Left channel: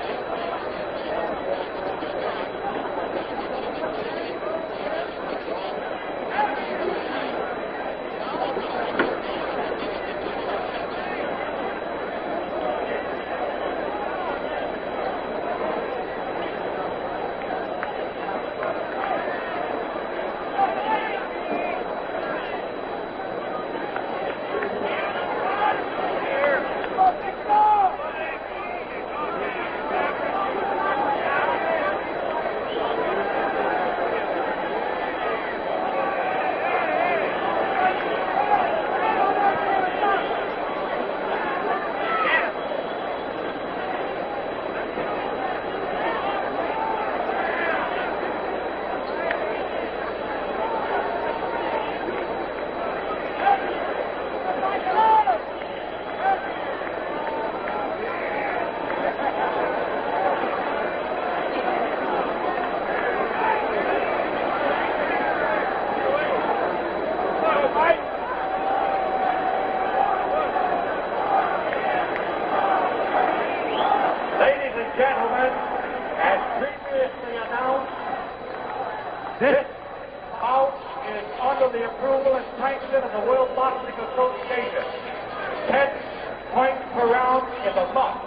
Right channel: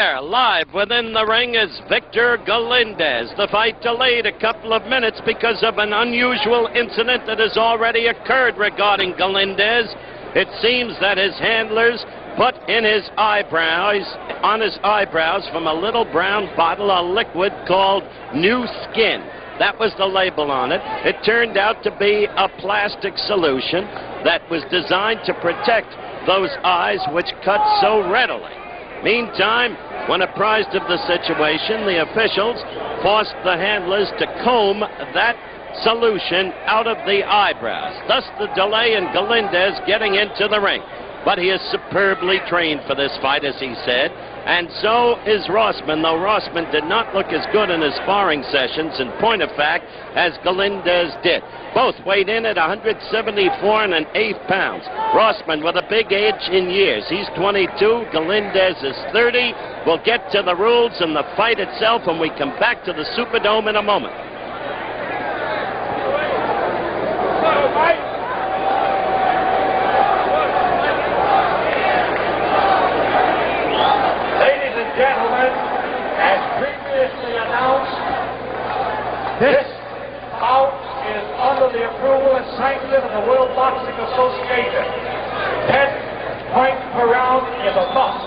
Live within the ring is Victor Galindez. The fight delayed a couple of minutes because of an unusual incident that has already occurred regarding Galindez. It seems that his handlers put in his eyebrows, from a little brown bottle of liquid called New Skin. That was the label on it. It turned out to be a plastic solution that was designed to protect those eyes which cut so readily. Meantime, when apprised of the situation, the officials forced the handlers to comb that solution out of the eyebrows. Thus the delay in Galindez getting into the ring. But he is superbly trained for this fight, as he said. And so is Rossman, though Rossman did not look as good in his sparring sessions, in point of fact, as Galindez did. Both weighed in at 174 1/8 pounds. Rossman with a big age in years. He's 22. Galindez is 30. We'll get to the rules and the fight itself when we come back to the Superdome in a moment. This bout is under the approval and sanction of the World Boxing Association. 10 points per round is a must.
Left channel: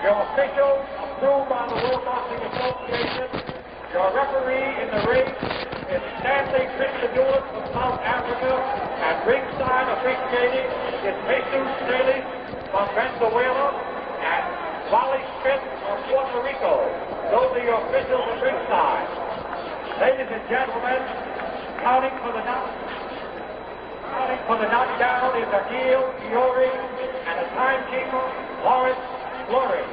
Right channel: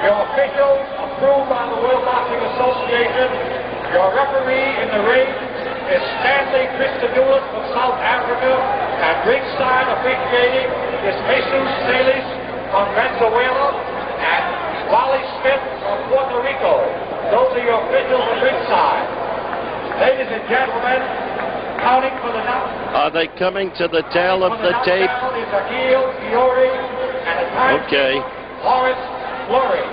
Your officials approved by the World Boxing Association. Your referee in the ring is Stanley Christodoulos from South Africa, and ringside officiating is Jesus Salas from Venezuela and Wally Smith from Puerto Rico. Those are your officials at ringside. Ladies and gentlemen, counting for the number. Are they coming to the tail of the tape? Okay. Horace Fleury.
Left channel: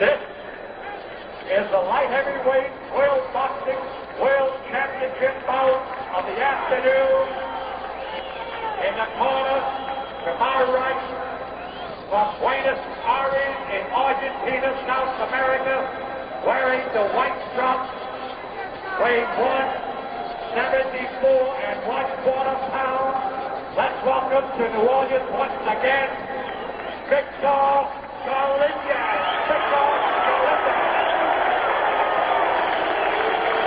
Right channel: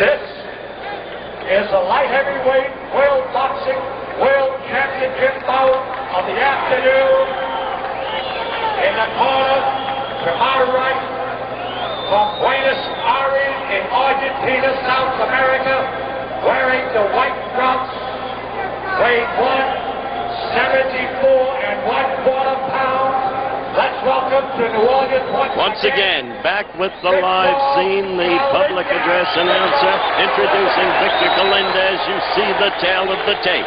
This is the light heavyweight World Boxing World Championship bout of the afternoon. In the corner, to my right, from Buenos Aires in Argentina, South America, wearing the white trunks, weighing 174 1/4 pounds. Let's welcome to New Orleans once again, back with the live scene, the public address announcer introducing Victor Galindez. You see the tail of the tape.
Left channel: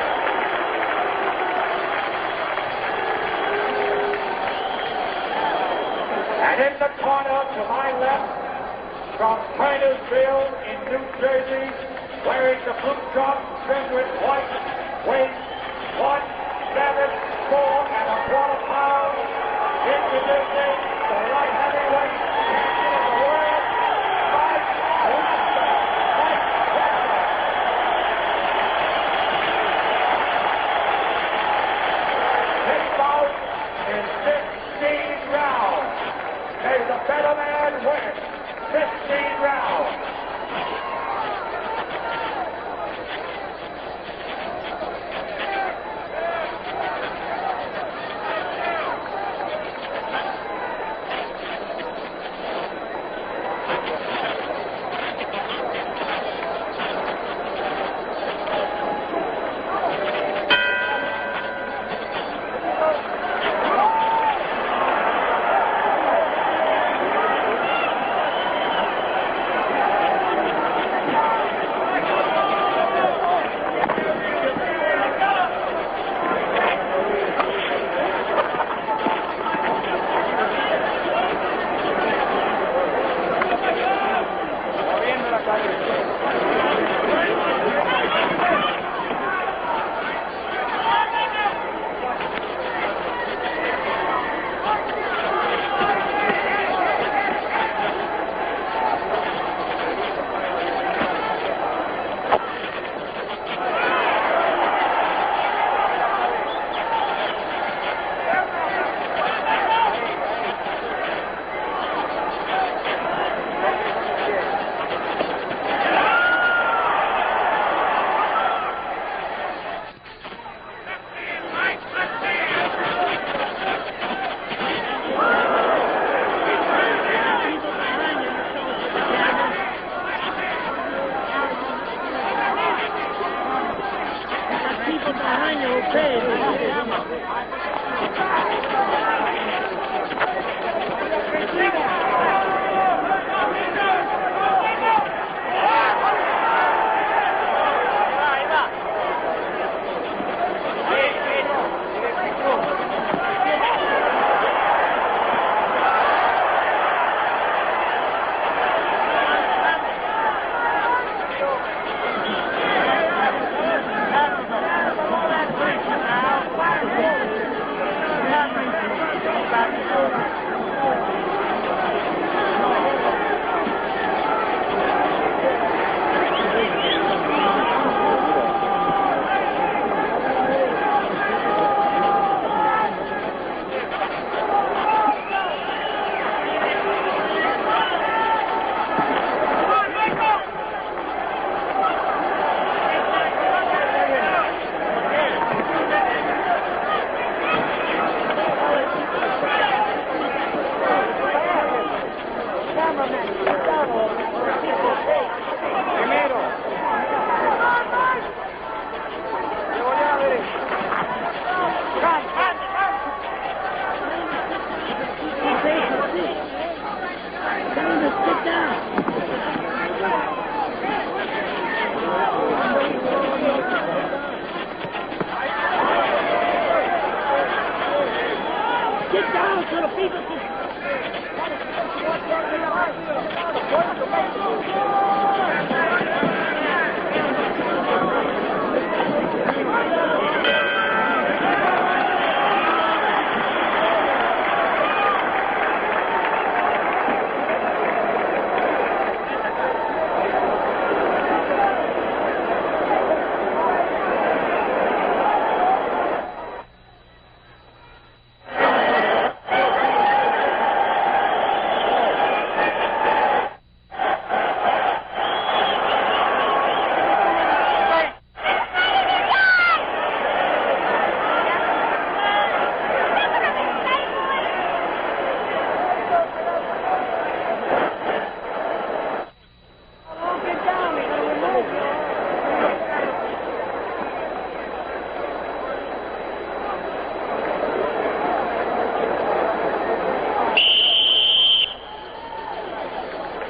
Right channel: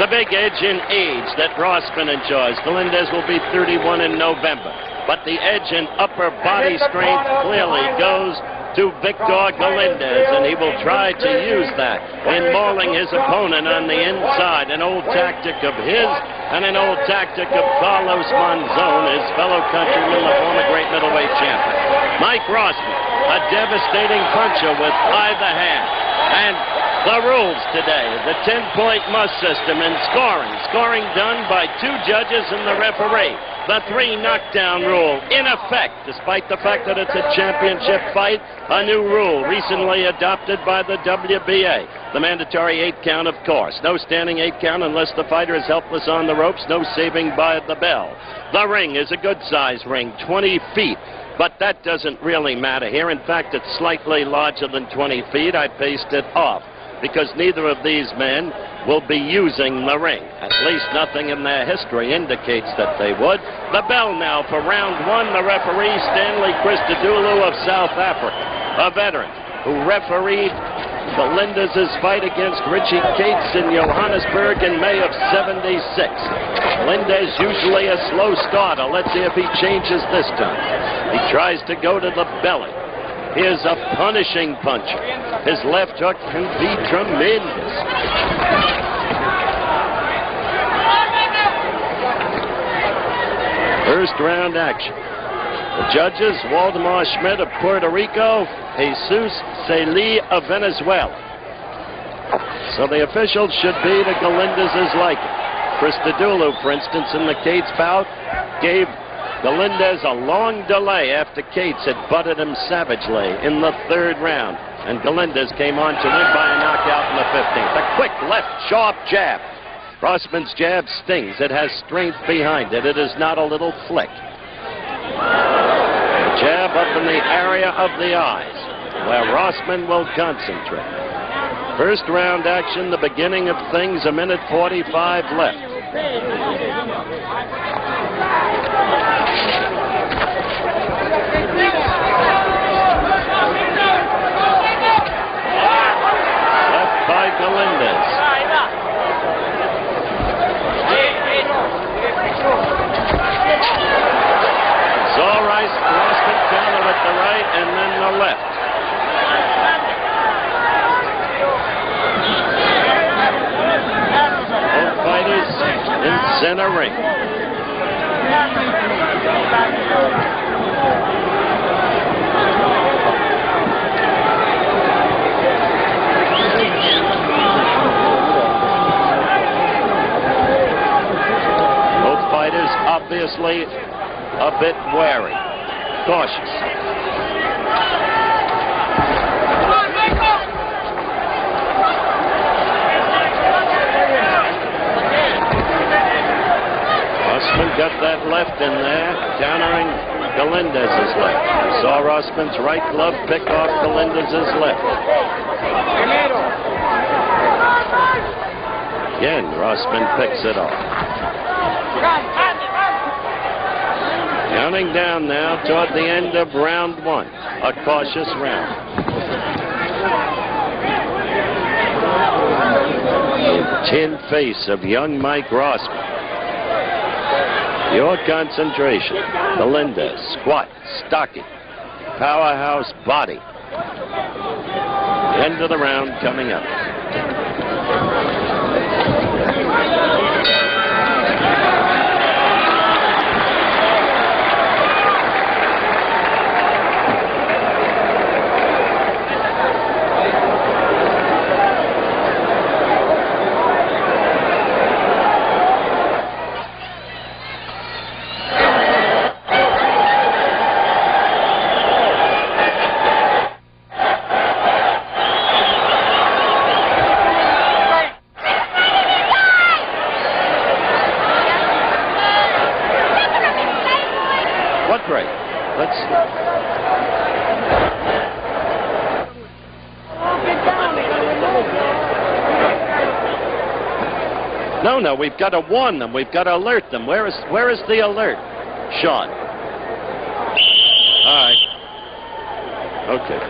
The big edge in age that Rossman enjoys. Galindez will be 31 in November. But the edge in upper body strength clearly goes to Victor Galindez, and he will try to use that in mauling his opponent on the inside. An old tactic of his and an old tactic of Carlos Monzon, his fellow countryman, the former great middleweight champion. Mike Rossman, a devastating puncher with either hand. And the rules today, the 10-point must system in scoring. Scoring done by 2 judges and the referee. The 3 knockdown rule, in effect, despite the fact that it's a championship fight, a new rule recently adopted by the WBA. The mandatory 8 count, of course. No standing 8 count unless the fighter is helpless on the ropes. No saving by the bell. The ring is a good-sized ring, 20 feet. But that doesn't really matter here. In fact, it's slightly larger than 20 feet. I based it off because neither of these men will be using the ring. At least nothing in their history indicates that they would. The bell now for round 1. The referee, Stanley Christodoulos of South Africa, a veteran who refereed Galindez's fight against Richie Cates in Johannesburg in May of '76. Galindez usually a slow starter. Let's see if he changes this time. He tries to go to the belly. He is a punishing puncher. His left hook can be tremendous. First round action. The judges, Waldemar Schmidt of Puerto Rico, Jesus Salas of Venezuela. So the officials should be the Galindez's like it. Christodoulos, for instance, in the Cates bout, gave Galindez a long delay after Cates had butted him savagely in the 3rd round. And Galindez came on to win by a knockout in the 15th. A quick left, sharp jab. Rossman's jab stings. It has strength behind it. It is not a little flick. The jab up in the area of the eyes, where Rossman will concentrate. First round action, the beginning of things, 1:45 left. obviously a bit wary, cautious. Rossman got that left in there, countering Galindez's left. We saw Rossman's right glove pick off Galindez's left. Again, Rossman picks it off. Counting down now toward the end of round one. A cautious round. The tin face of young Mike Rossman. Pure concentration. Galindez, squat, stocking, powerhouse body. End of the round coming up. No, we've got to warn them. We've got to alert them. Where is the alert, Sean? All right. Okay.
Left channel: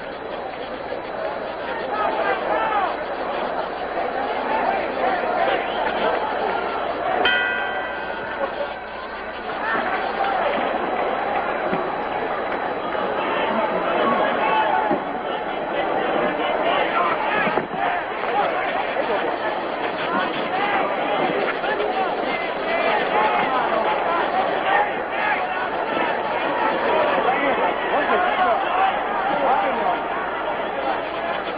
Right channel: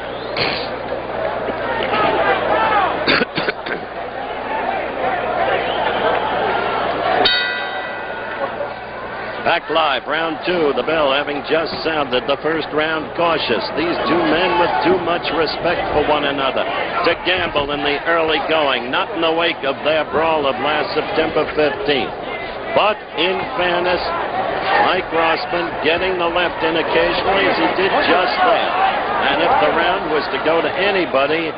Back live, round two. The bell having just sounded. The first round cautious. These two men with too much respect for one another to gamble in the early going. Not in the wake of their brawl of last September 15th. But in fairness, Mike Rossman getting the left in occasionally as he did just that. And if the round was to go to anybody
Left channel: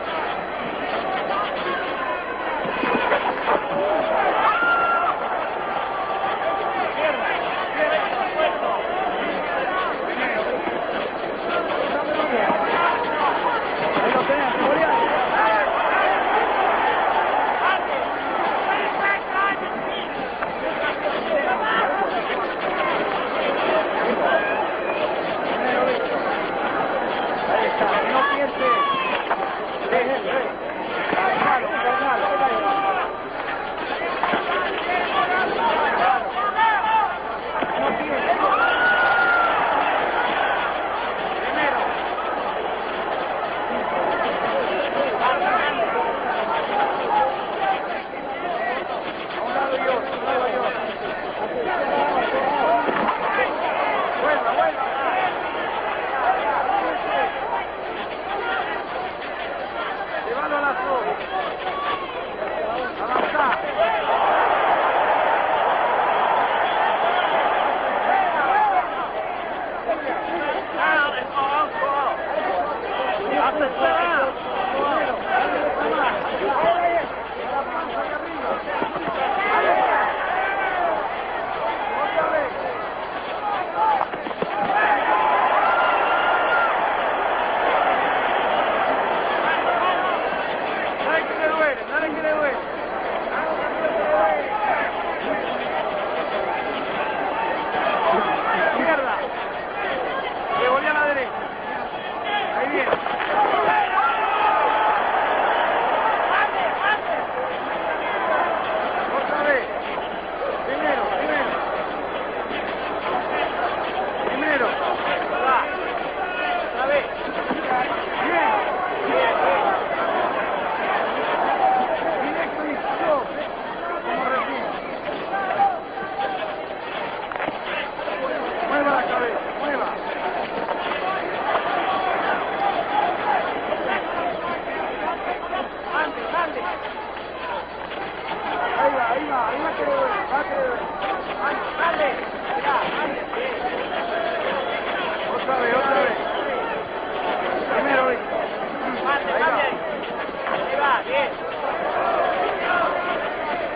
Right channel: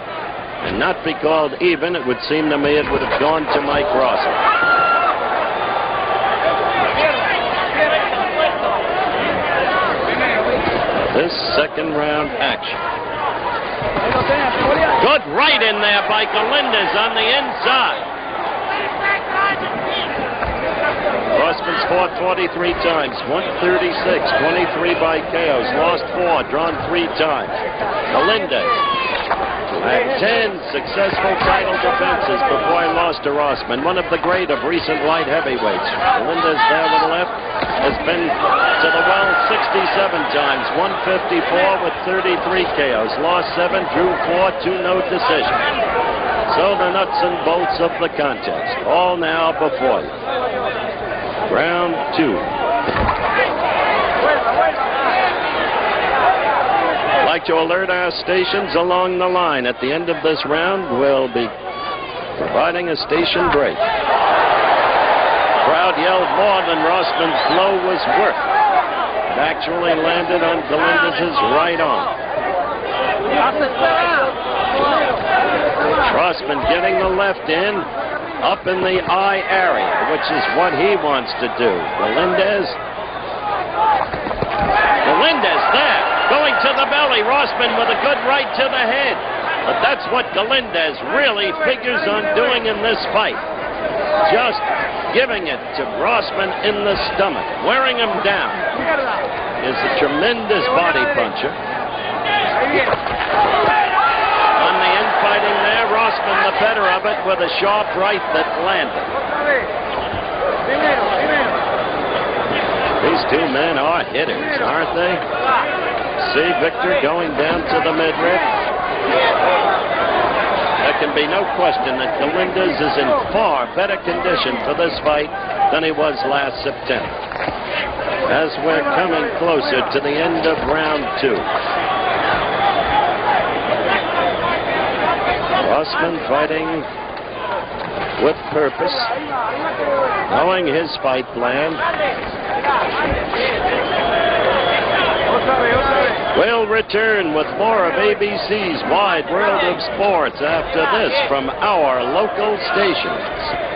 and not be called even, it would seem to me it would have gone to Mike Rossman. This second round action. Good right in there by Galindez on the inside. Rossman's fought 23 times, 136, 23 by KOs, lost 4, drawn 3 times. Galindez had 10 successful title defenses before he lost to Rossman, one of the great of recent light heavyweights. Galindez there with the left has been to the well 67 times, 154 with 33 KOs, lost 7, drew 4, 2 no decision. So the nuts and bolts of the contest, all now before you. Round two. I'd like to alert our stations along the line. At the end of this round, we'll be providing a station break. Crowd yelled more than Rossman's blow was worth. It actually landed on Galindez's right arm. Rossman getting the left in, up in the eye area, which is what he wants to do. Galindez there, going to the belly. Rossman with a good right to the head. But that's what Galindez really figures on doing in this fight. Just giving it to Rossman in the stomach, wearing him down. Is a tremendous body puncher. On the infighting there, Rossman the better of it with a sharp right that landed. These two men are hitters, aren't they? See Victor going down to the midriff. There can be no question that Galindez is in far better condition for this fight than he was last September. As we're coming closer to the end of round two. Rossman fighting with purpose, knowing his fight plan. We'll return with more of ABC's Wide World of Sports after this from our local stations.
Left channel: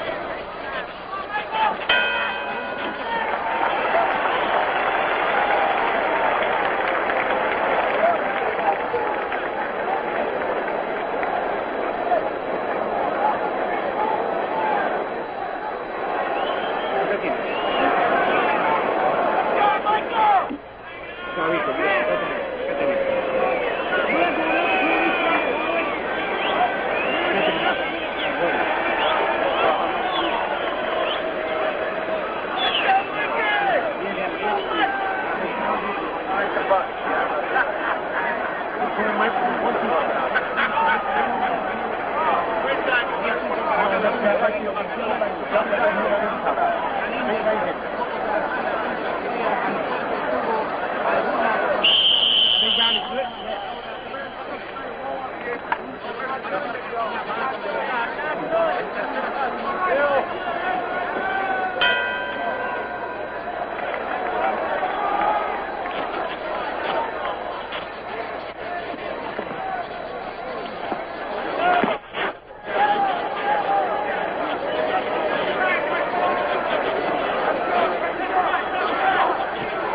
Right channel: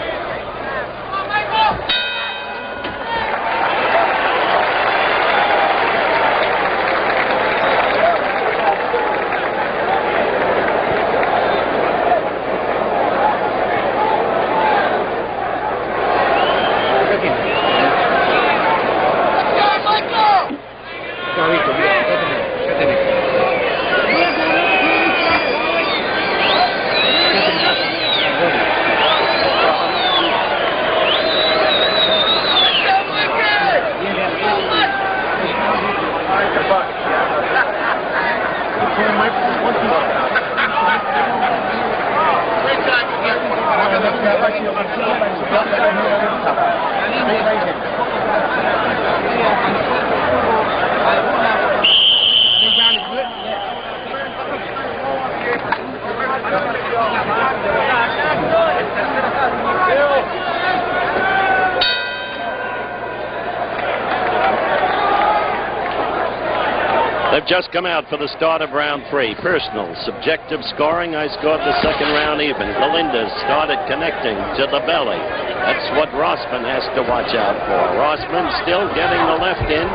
They've just come out for the start of round 3. Personal, subjective scoring. I scored the second round even. Galindez started connecting to the belly. That's what Rossman has to watch out for. Rossman still getting the left in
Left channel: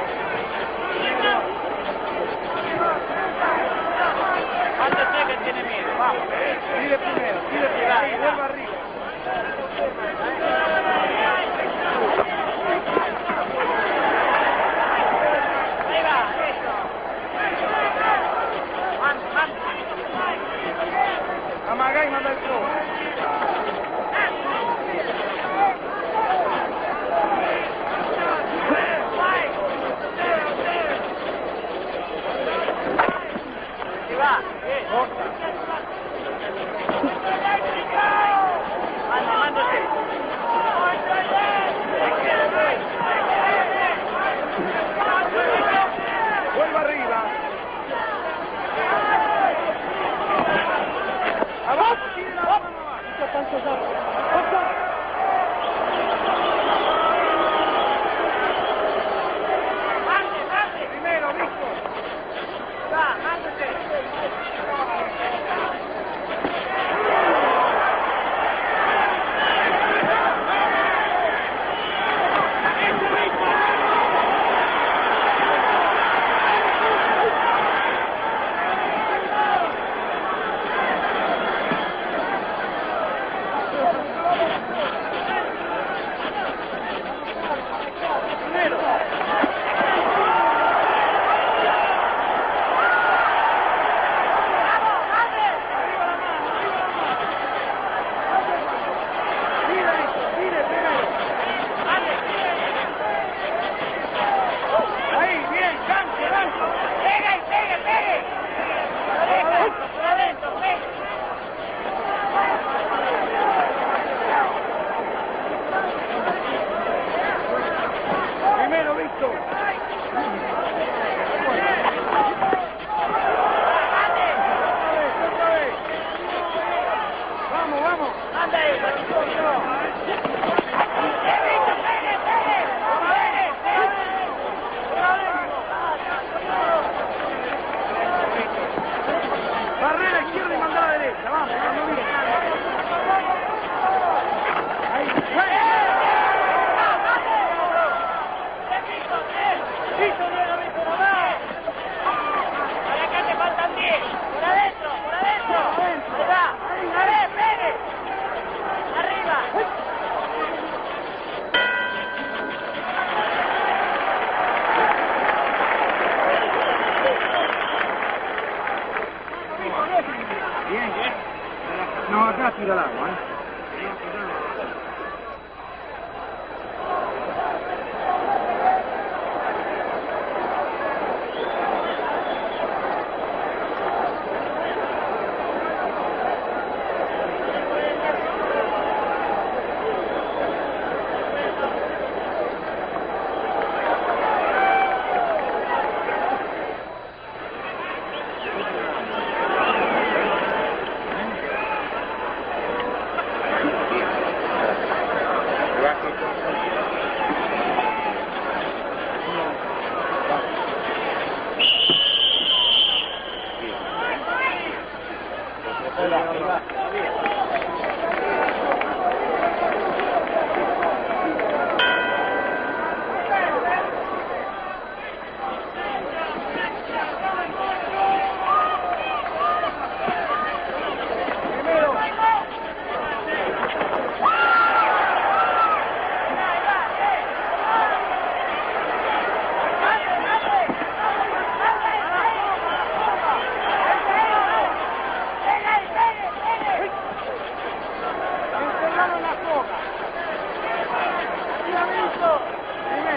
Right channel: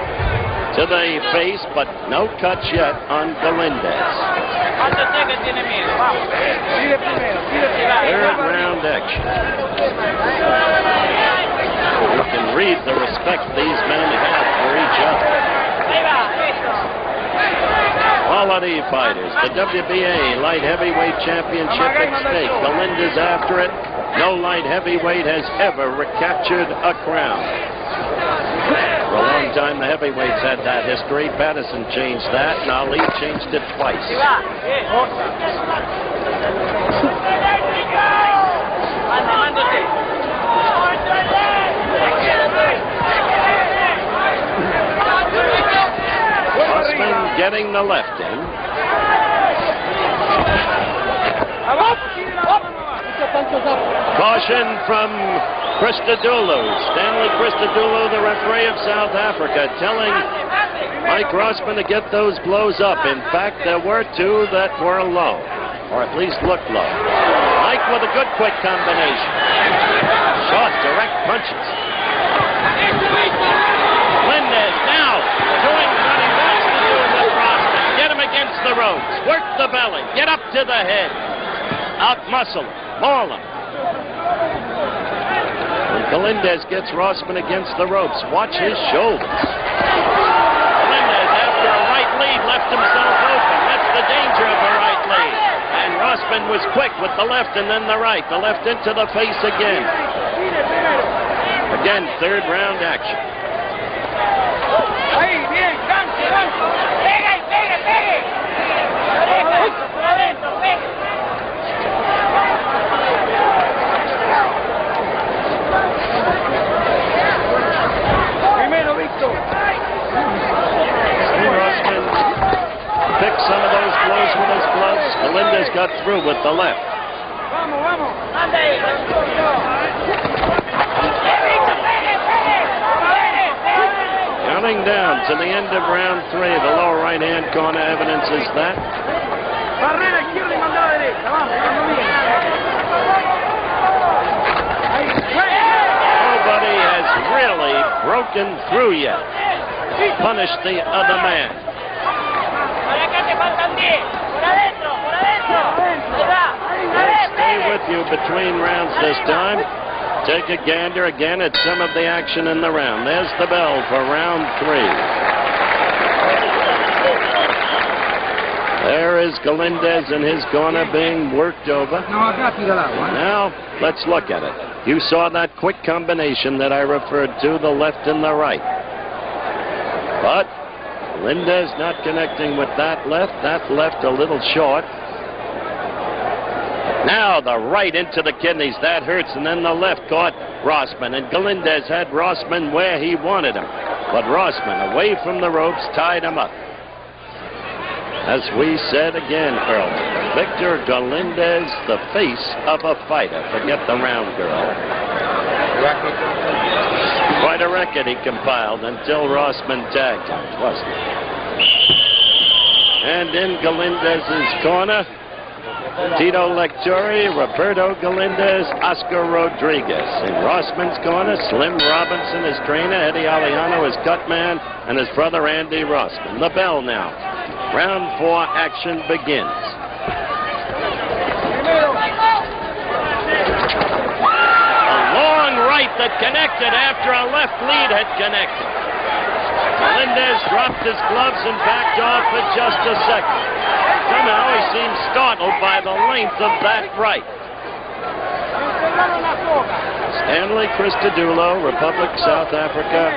to the face, but no cuts yet on Galindez. Third round action. You can read the respect these men have for each other. Quality fighters. The WBA light heavyweight championship at stake. Galindez after it. No light heavyweight has ever recaptured a crown. For a long time, the heavyweights had that history. Patterson changed that, and Ali changed it twice. Rossman getting the left in. Caution from Christodoulou. Stanley Christodoulou, the referee of South Africa, telling Mike Rossman to get those blows up. In fact, there were 2 that were low, or at least looked low. Mike with a good quick combination. Short, direct punches. Galindez now doing what he wants to do with Rossman. Get him against the ropes. Work the belly. Get up to the head. Out muscle. Ball him. Galindez gets Rossman against the ropes. Watch his shoulders. Galindez, after a right lead, left himself open. That's the danger of the right lead. And Rossman was quick with the left and then the right. The left into the face again. Again, third round action. Galindez got through with the left. Counting down to the end of round 3. The lower right-hand corner evidence is that. Nobody has really broken through yet. Punished the other man. Let's stay with you between rounds this time. Take a gander again at some of the action in the round. There's the bell for round 3. There is Galindez in his corner being worked over. Now, let's look at it. You saw that quick combination that I referred to, the left and the right. But Galindez not connecting with that left a little short. Now the right into the kidneys, that hurts, and then the left caught Rossman, and Galindez had Rossman where he wanted him. But Rossman, away from the ropes, tied him up. As we said again earlier, Victor Galindez, the face of a fighter. Forget the round girl. Quite a record he compiled until Rossman tagged him, wasn't it? And in Galindez's corner, Tito Lectori, Roberto Galindez, Oscar Rodriguez. In Rossman's corner, Slim Robinson, his trainer, Eddie Aliano, his cut man, and his brother Andy Rossman. The bell now. Round 4 action begins. A long right that connected after a left lead had connected. Galindez dropped his gloves and backed off for just a second. Somehow he seemed startled by the length of that right. Stanley Christodoulou, Republic South Africa,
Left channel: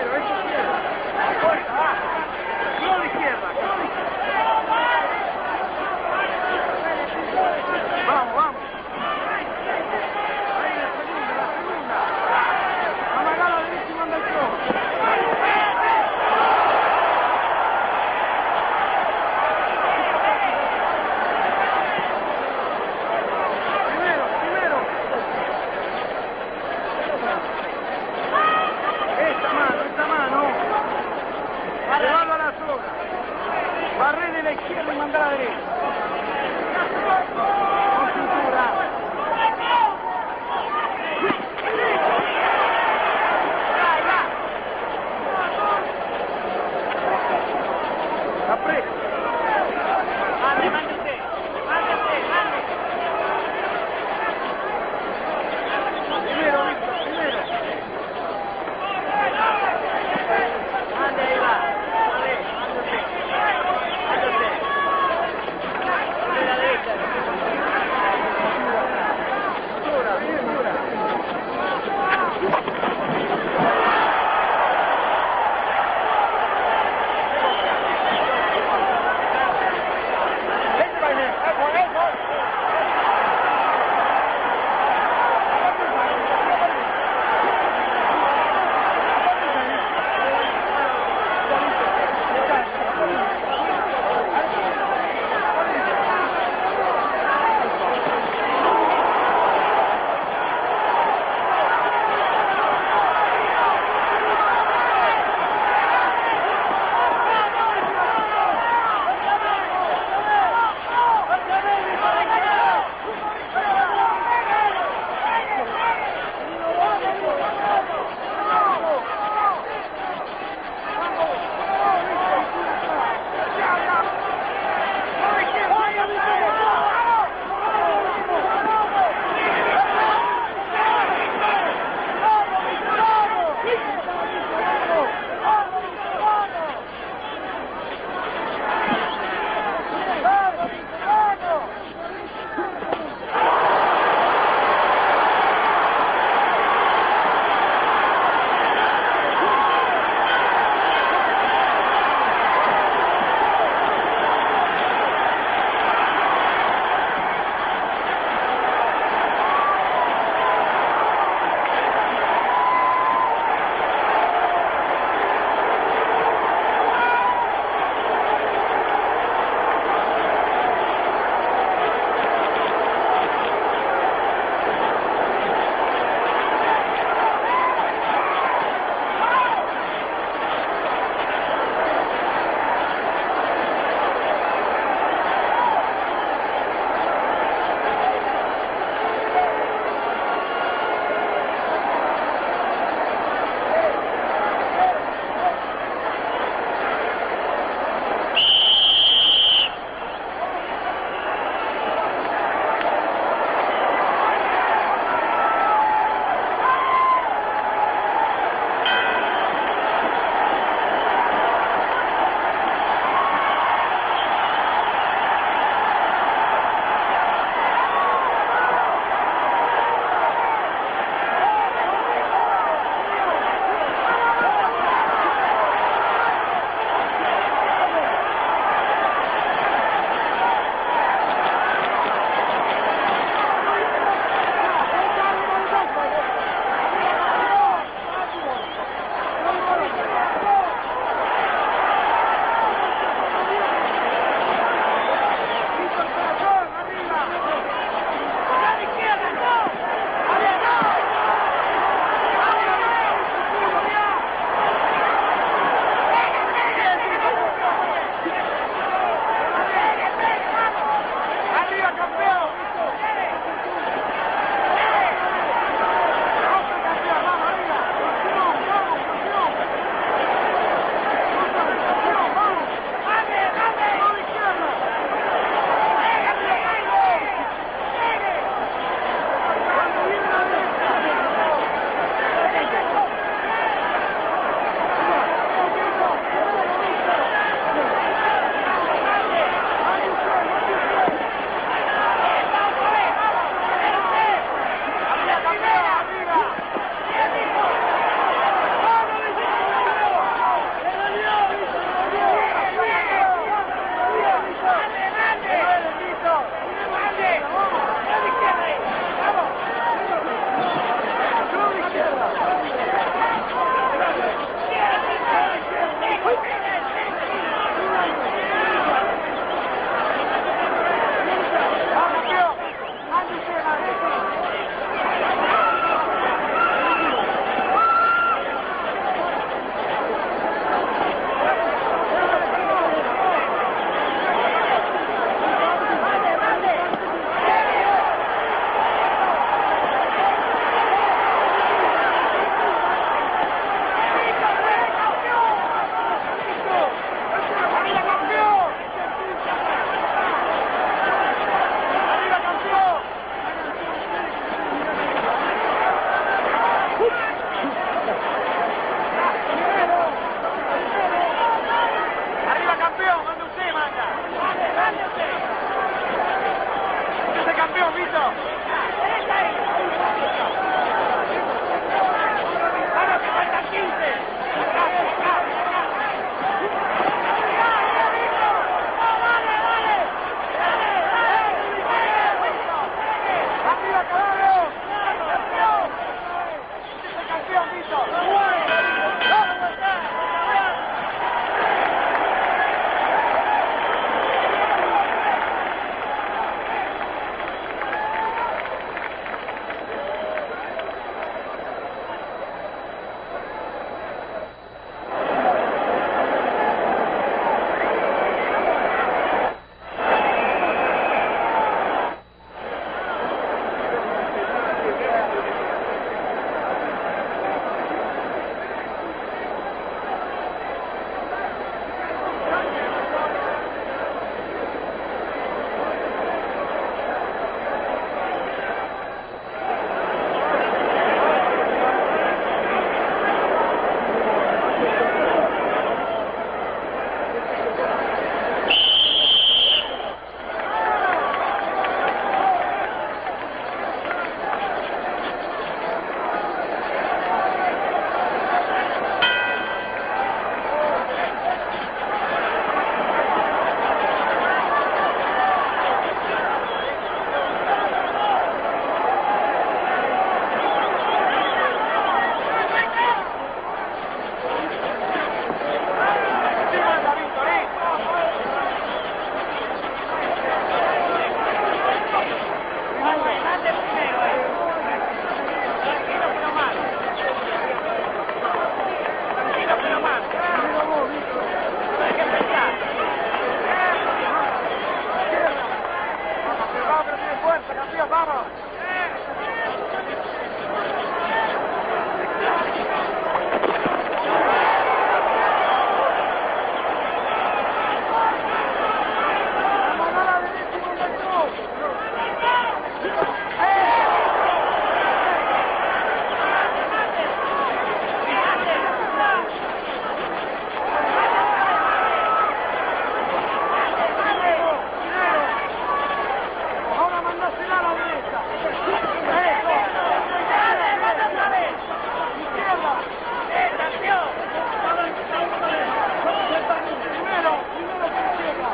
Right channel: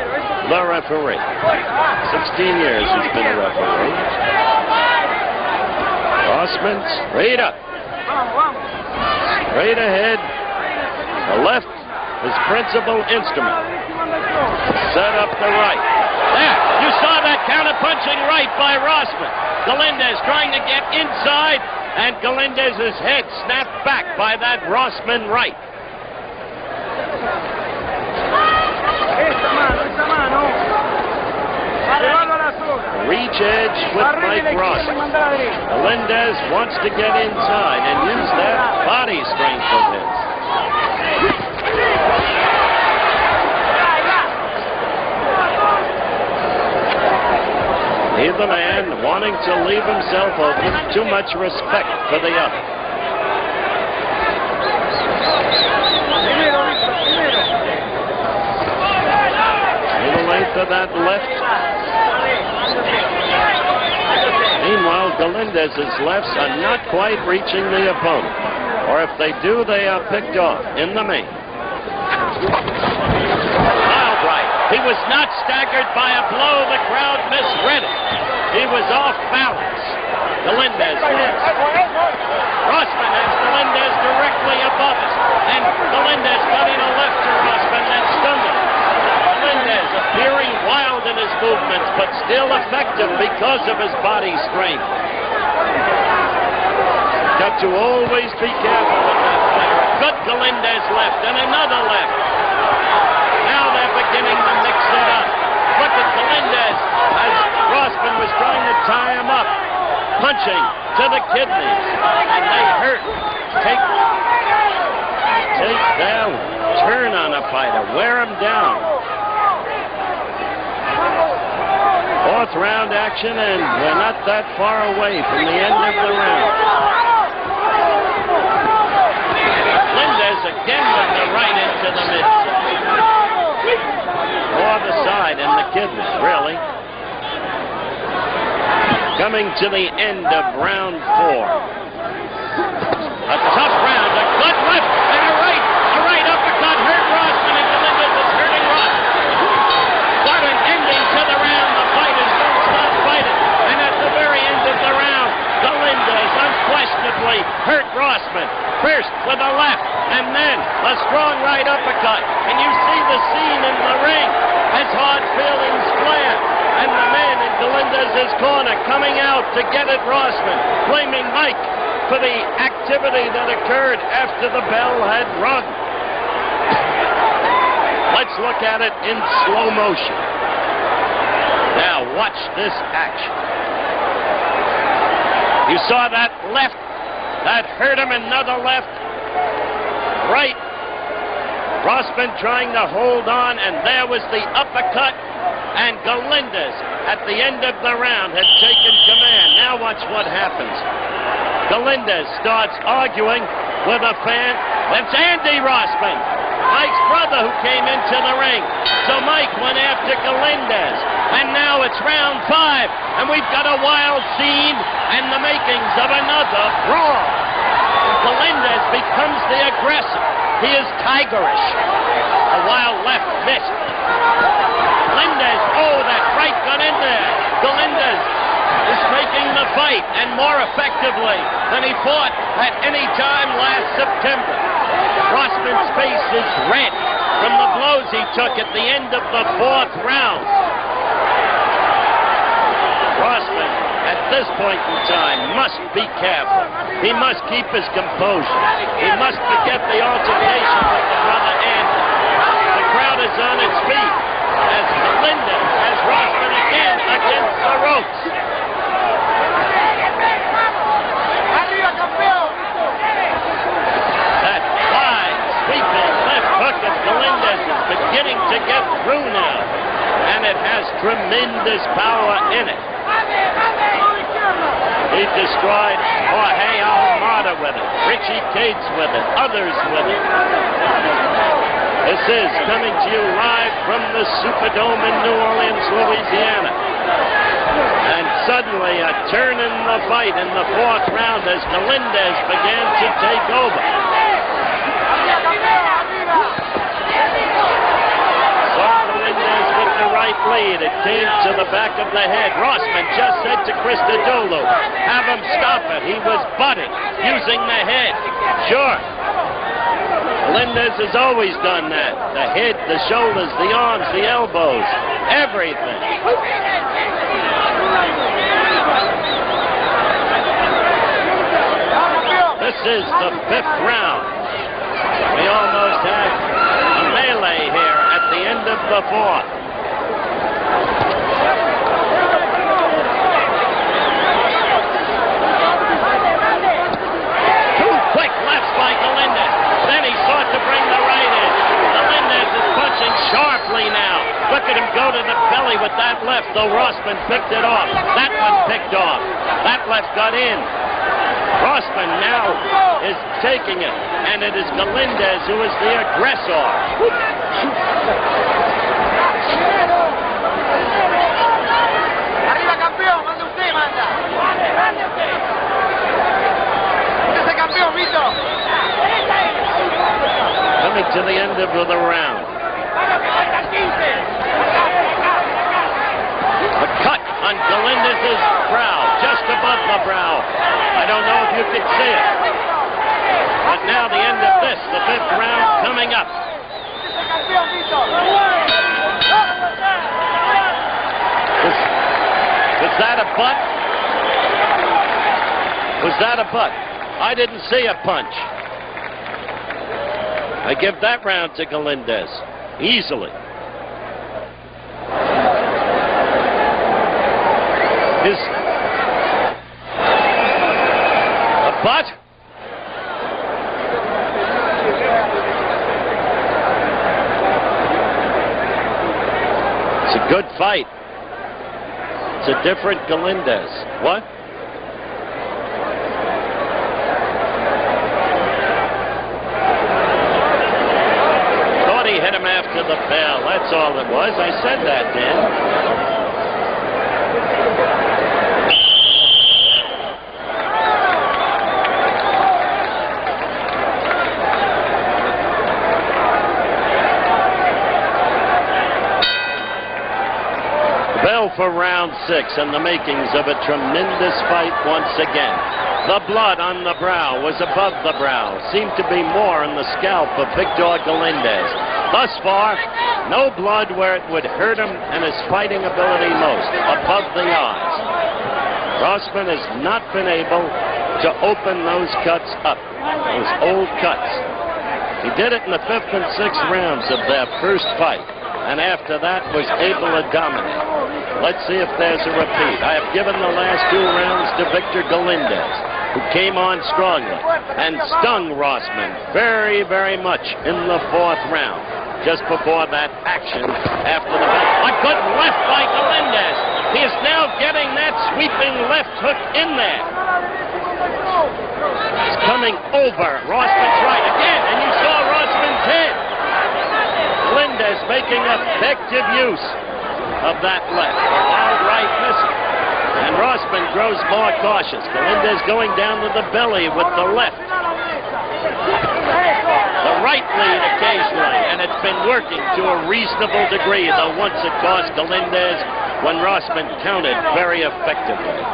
the referee. 16 years he's been a referee. Rossman straight up. Straight ahead. The left, his principal instrument. Set up the right. There, you saw that counter-punching right by Rossman. Galindez trying to get inside, and Galindez's head snapped back by that Rossman right. Reach edge with Mike Rossman. Galindez wants to get inside and use that body strength of his. Neither man wanting to leave himself open. Too much respect for the other. To the length of that left. Meanwhile, Galindez's lefts are not quite reaching the opponent. Or if they do, they are picked off in the main. Wild right. He was not staggered by a blow. The crowd misread it. He was off balance. Galindez left. Rossman has Galindez directly above us. And Galindez got in a left to Rossman and stunned him. Galindez appearing wild in his movements, but still effective because of his body strength. Got to always be careful with that fight. Good Galindez left and another left. Now they're beginning to mix it up. Look at Galindez as Rossman was trying to tie him up. Punching to the kidneys. And they hurt. Take down. Turn on a fighter. Wear him down. Fourth round action, and we're not that far away from the end of the round. Galindez again with the right into the middle. Or the side and the kidneys, really. Coming to the end of round 4. A tough round, a gut left and a right uppercut hurt Rossman, and Galindez is hurting Rossman. What an ending to the round. The fighters don't stop fighting, and at the very end of the round, Galindez unquestionably hurt Rossman. First with a left, and then a strong right uppercut. And you see the scene in the ring as hard feelings flare, and the man in Galindez's corner coming out to get at Rossman, blaming Mike for the activity that occurred after the bell had rung. Let's look at it in slow motion. Now watch this action. You saw that left, that hurt him, another left, right. Rossman trying to hold on, and there was the uppercut, and Galindez at the end of the round had taken command. Now watch what happens. Galindez starts arguing with a fan. That's Andy Rossman, Mike's brother, who came into the ring. So Mike went after Galindez, and now it's round 5, and we've got a wild scene and the makings of another brawl. Galindez becomes the aggressor. He is tigerish. A wild left missed. Galindez, oh, that right got in there. Galindez is making the fight, and more effectively than he fought at any time last September. Rossman's face is red from the blows he took at the end of the 4th round. Rossman, at this point in time, must be careful. He must keep his composure. He must forget the altercation with his brother Andy. The crowd is on its feet as Galindez has Rossman again against the ropes. That high, sweeping left hook of Galindez is beginning to get through now, and it has tremendous power in it. He destroyed Jorge Almada with it, Richie Cates with it, others with it. This is coming to you live from the Superdome in New Orleans, Louisiana. in the fourth round as Galindez began to take over. Galindez with the right lead. It came to the back of the head. Rossman just said to Christodoulou, have him stop it. He was butted using the head. Sure. Galindez has always done that. The head, the shoulders, the arms, the elbows, everything. This is the fifth round. We almost have a melee here at the end of the fourth. Two quick lefts by Galindez. Then he sought to bring the right in. Galindez is punching sharply now. Look at him go to the belly with that left, though Rossman picked it off. That one picked off. That left got in. Rossman now is taking it, and it is Galindez who is the aggressor. Arriba, campeón, manda usted, manda. Usted es el campeón, Victor. Coming to the end of the round. A cut on Galindez's brow, just above the brow. I don't know if you can see it. But now the end of this, the fifth round coming up. Was that a butt? Was that a butt? I didn't see a punch. I give that round to Galindez. Easily. A butt? It's a good fight. It's a different Galindez. What? Thought he hit him after the bell. That's all it was. I said that, Dan. For round 6 and the makings of a tremendous fight once again. The blood on the brow was above the brow. Seemed to be more on the scalp of Victor Galindez. Thus far, no blood where it would hurt him and his fighting ability most, above the odds. Rossman has not been able to open those cuts up, those old cuts. He did it in the 5th and 6th rounds of their first fight, and after that was able to dominate. Let's see if there's a repeat. I have given the last 2 rounds to Victor Galindez, who came on strongly and stung Rossman very, very much in the 4th round, just before that action after the bell. A good left by Galindez. He is now getting that sweeping left hook in there. He's coming over Rossman's right again, and you saw Rossman's head. Galindez making effective use of that left. Right missing. And Rossman grows more cautious. Galindez going down to the belly with the left. The right lead occasionally, and it's been working to a reasonable degree, though once it cost Galindez when Rossman countered very effectively.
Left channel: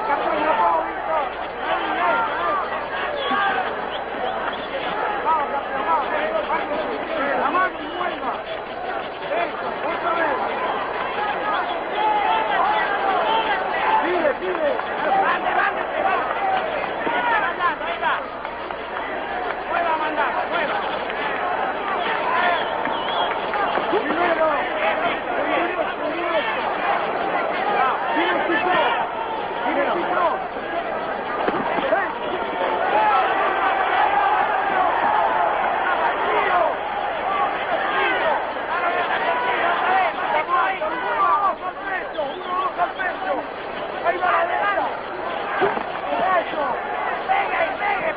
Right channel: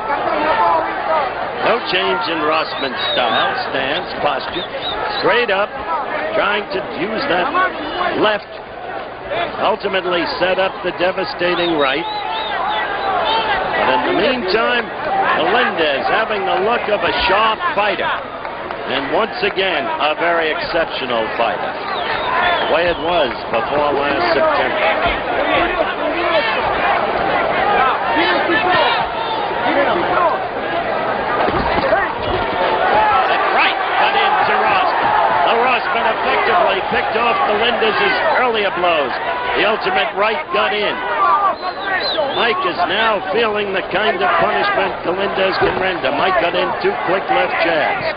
No change in Rossman's style, stance, posture. Straight up, trying to use that left. Ultimately set up the devastating right. But in the meantime, Galindez having the look of a sharp fighter. And once again, a very exceptional fighter. The way it was before last September. Right cut into Rossman. The Rossman effectively picked off Galindez's earlier blows. The ultimate right got in. Mike is now feeling the kind of punishment Galindez can render. Mike got in 2 quick left jabs.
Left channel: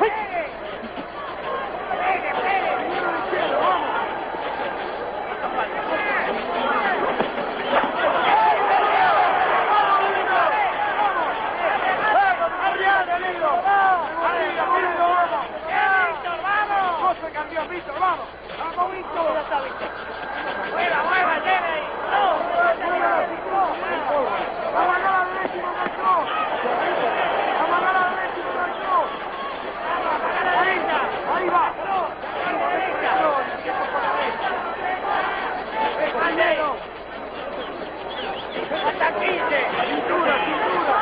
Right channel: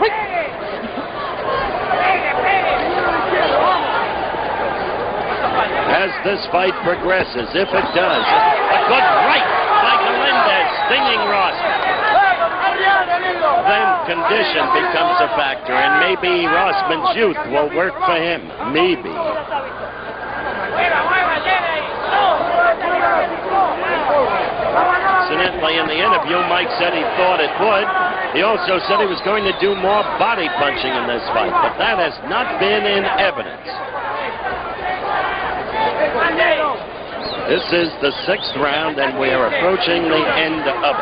As this fight progresses, if it does, a good right by Galindez, stinging Rossman. a factor, and maybe Rossman's youth will work for him. Maybe. Incidentally, in the interview, Mike said he thought it would. He also said he was going to do more body punching in this fight, but that has not been in evidence. This is the 6th round, and we are approaching the end of it.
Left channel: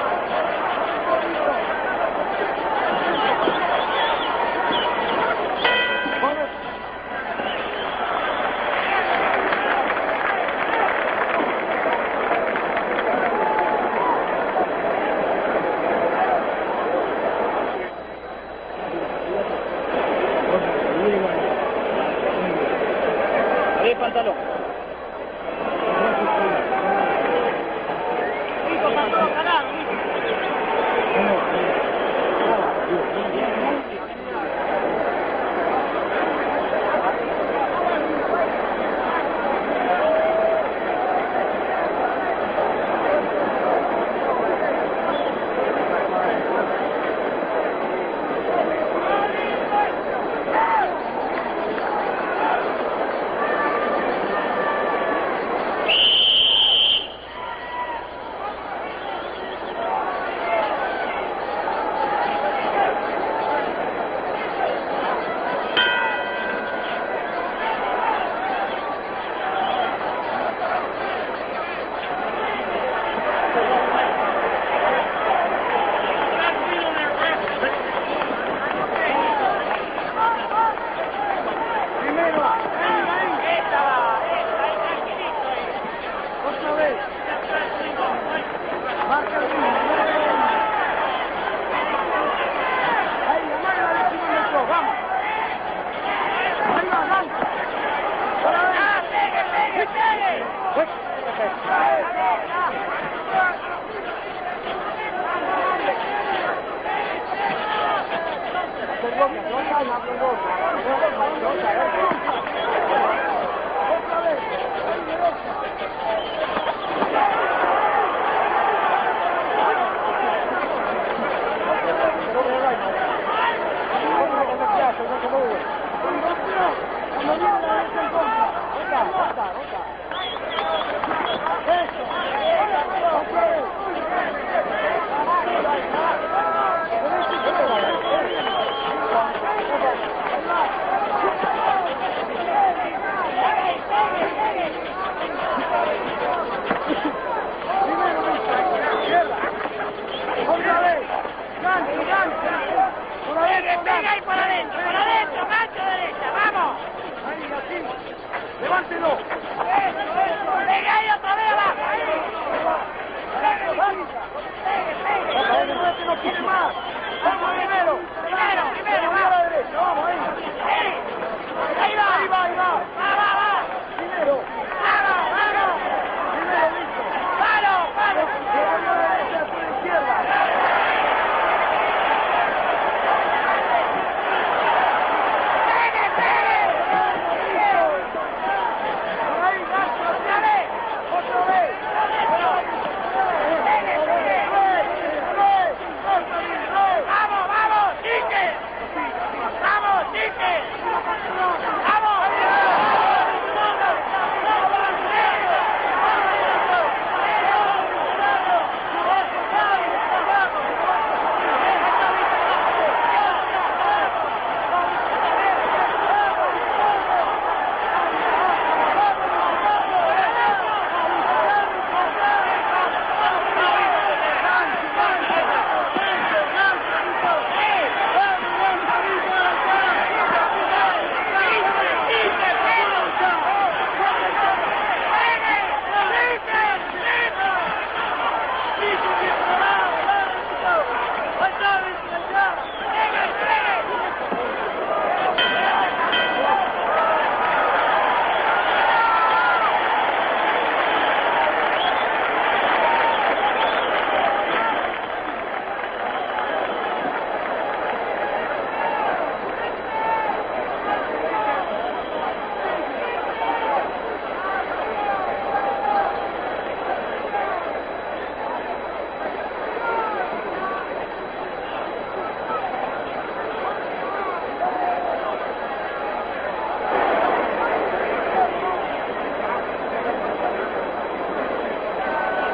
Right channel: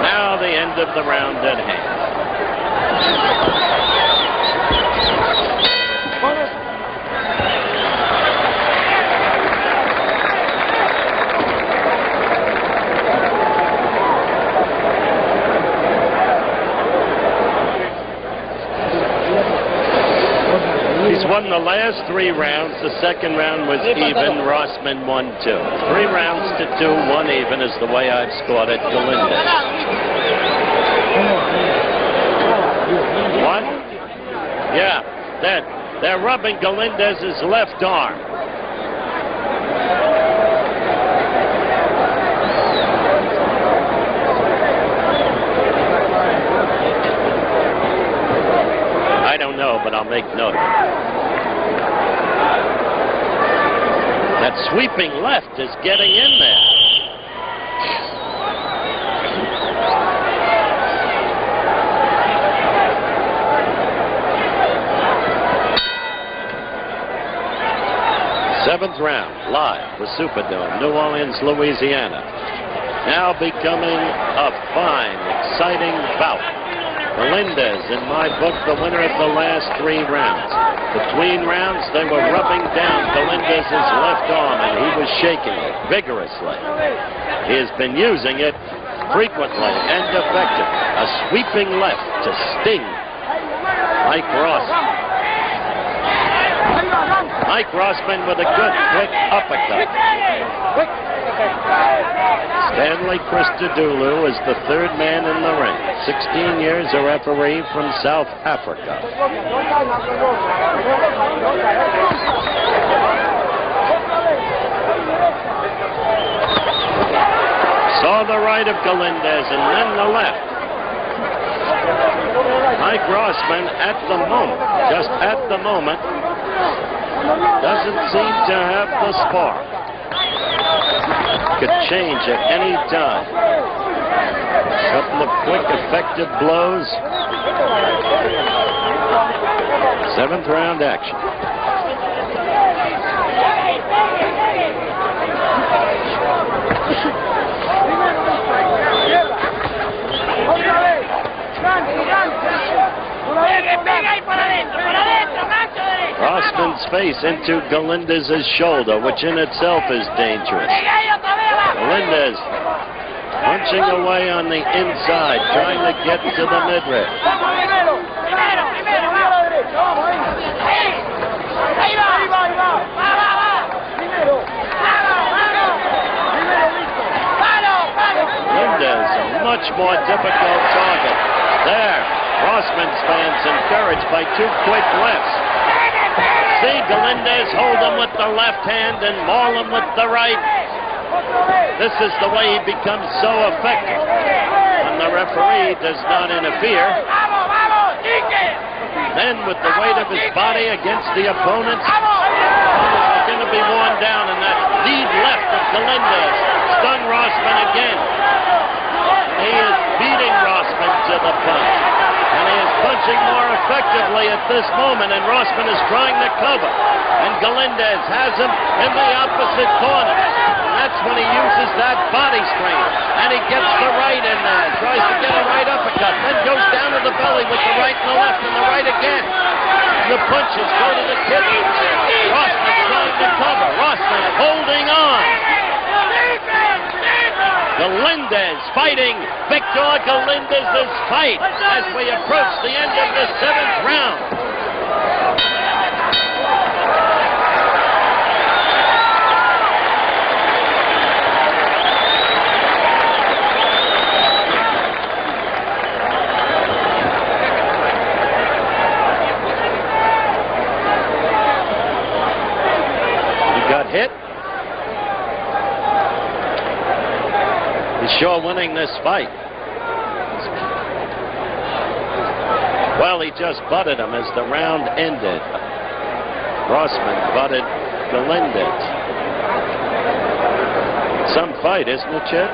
Now the end of the round at hand. He's won the last 3 rounds. The second round was even. Rossman won 2. 3 rounds to 2, 1 even is the way I've scored it. Galindez. 1. Yeah, they're rubbing Galindez's left arm. I don't know, but I'll make note. That sweeping left is getting in there. Seventh round, live, the Superdome, New Orleans, Louisiana. Now becoming a fine, exciting bout. Galindez, in my book, the winner of the last 3 rounds. Between rounds, they were rubbing down Galindez's left arm, and he was shaking it vigorously. He has been using it frequently and effectively. A sweeping left to sting Mike Rossman. Mike Rossman with a good, quick uppercut. Stanley Christodoulou is the 3rd man in the ring. 16 years a referee from South Africa. Saw the right of Galindez and then the left. Mike Rossman at the moment, just at the moment, doesn't seem to have the spark. Could change at any time. Couple of quick, effective blows. 7th round action. Rossman's face into Galindez's shoulder, which in itself is dangerous. Galindez punching away on the inside, trying to get to the midriff. Galindez, a much more difficult target. There, Rossman's fans encouraged by 2 quick lefts. See Galindez hold him with the left hand and maul him with the right. This is the way he becomes so effective when the referee does not interfere. Then with the weight of his body against the opponent, he's going to be worn down, and that lead left of Galindez stung Rossman again. He is beating Rossman to the punch. And he is punching more effectively at this moment, and Rossman is trying to cover. And Galindez has him in the opposite corner. And that's when he uses that body strength. And he gets the right in there, tries to get a right uppercut, then goes down to the belly with the right and the left and the right again. The punches go to the kidney. Rossman trying to cover. Rossman holding on. Galindez fighting Victor Galindez's fight as we approach the end of the 7th round. He got hit. He's sure winning this fight. Well, he just butted him as the round ended. Rossman butted Galindez. Some fight, isn't it, Chet?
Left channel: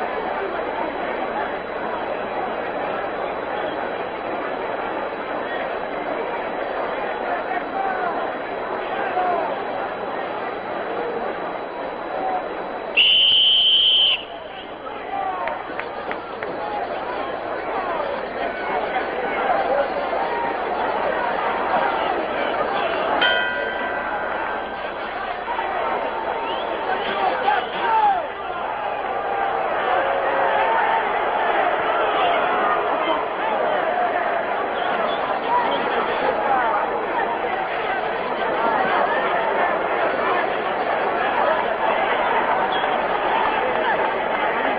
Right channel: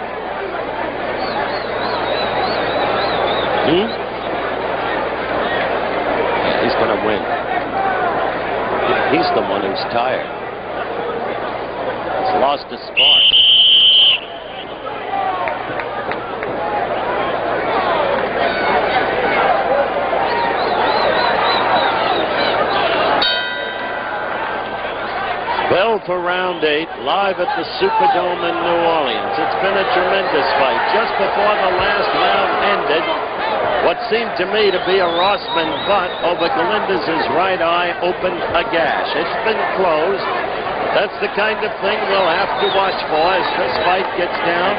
Yeah, he's going to win. He's the one who's tired. He's lost his spark. Bell for round 8, live at the Superdome in New Orleans. It's been a tremendous fight. Just before the last round ended, what seemed to me to be a Rossman butt over Galindez's right eye opened a gash. It's been closed, but that's the kind of thing we'll have to watch for as this fight gets down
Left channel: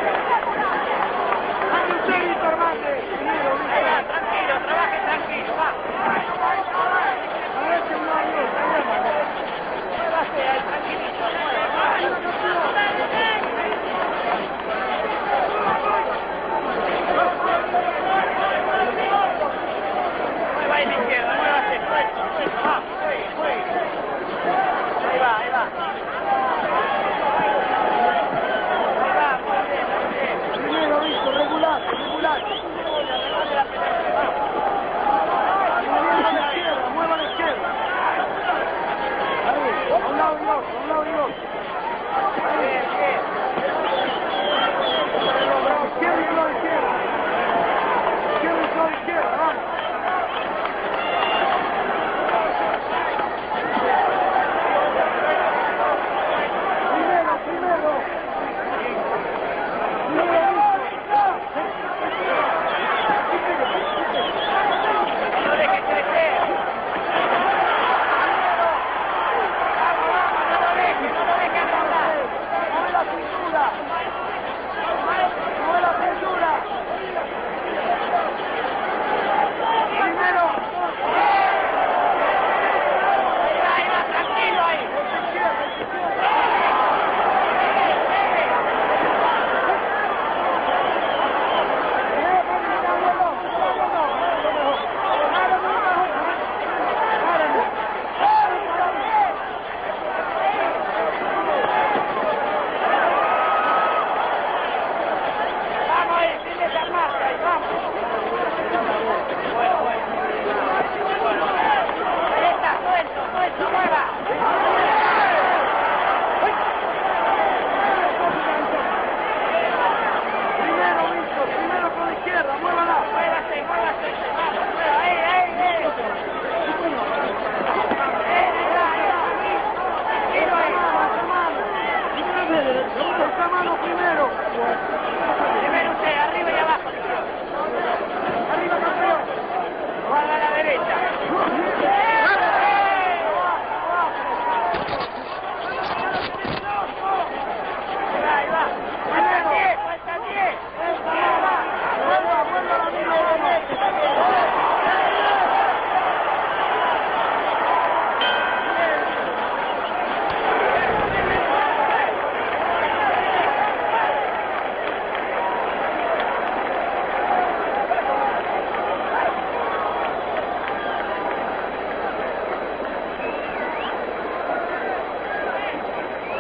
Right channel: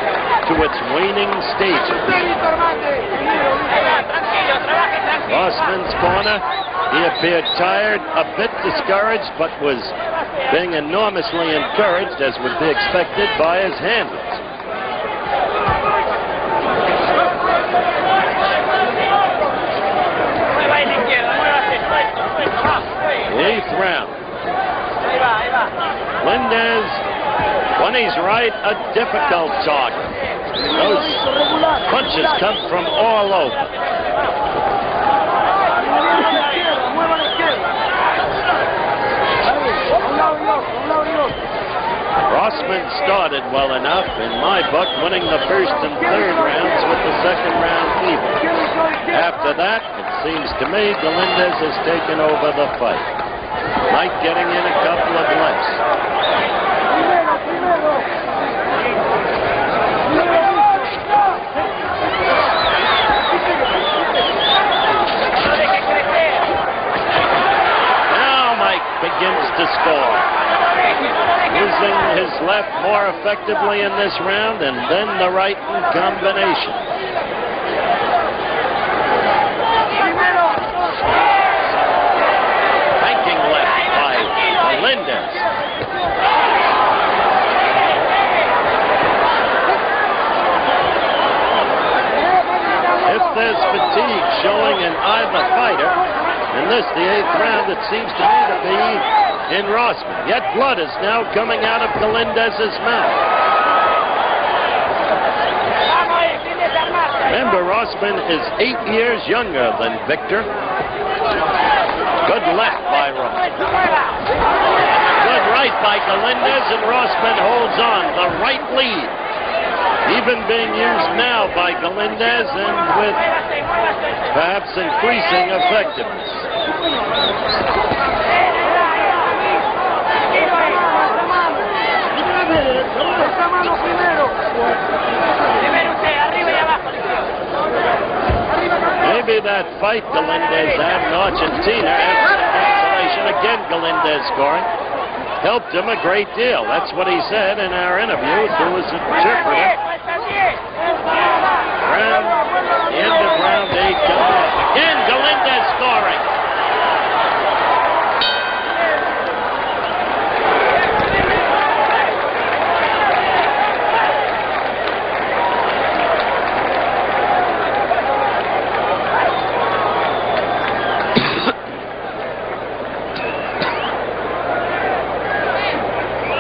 to its waning stages. Rossman's corner, he appeared tired, a bit discouraged, but was being enormously encouraged, as would be expected, by his handlers. Eighth round. Galindez, when he's right, a difficult target. Those punches come from all over. Rossman started well enough, in my book, winning the first and third rounds with the second round even. After that, it seems to me, Galindez has taken over the fight. Mike getting in a couple of lefts. Now Mike begins to score. Using his left more effectively in this round, and then the right in combination. Banking left by Galindez. If there's fatigue showing in either fighter, in this, the 8th round, it seems to me to be in Rossman. Yet blood is now coming out of Galindez's mouth. Remember, Rossman is 8 years younger than Victor. Good left by Rossman. And a good right by Galindez, and Rossman holds on. The right lead. Even being used now by Galindez, and with perhaps increasing effectiveness. Maybe that fight Galindez had in Argentina after the cancellation, again Galindez scoring, helped him a great deal. That's what he said in our interview to his interpreter. The end of round 8 coming up. Again, Galindez scoring.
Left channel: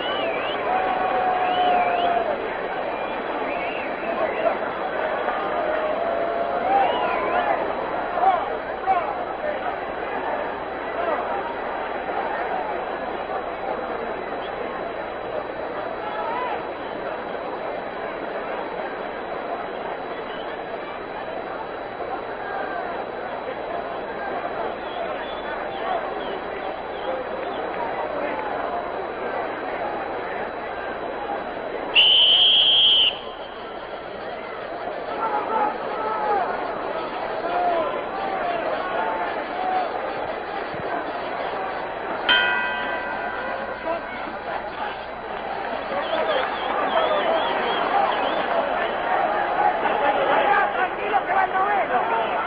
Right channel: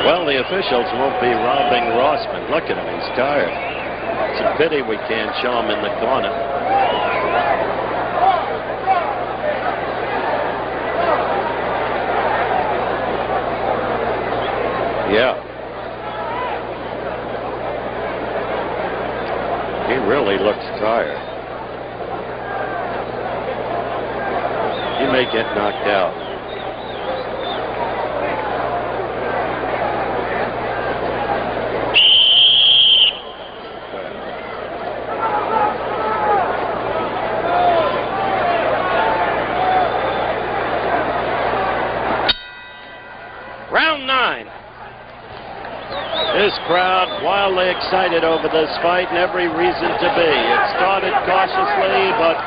Well, the officials won't be robbing Rossman. Look at him, he's tired. It's a pity we can't show him in the corner. Yeah. He really looks tired. He may get knocked out. Round 9. This crowd wildly excited over this fight, and every reason to be. It started cautiously, but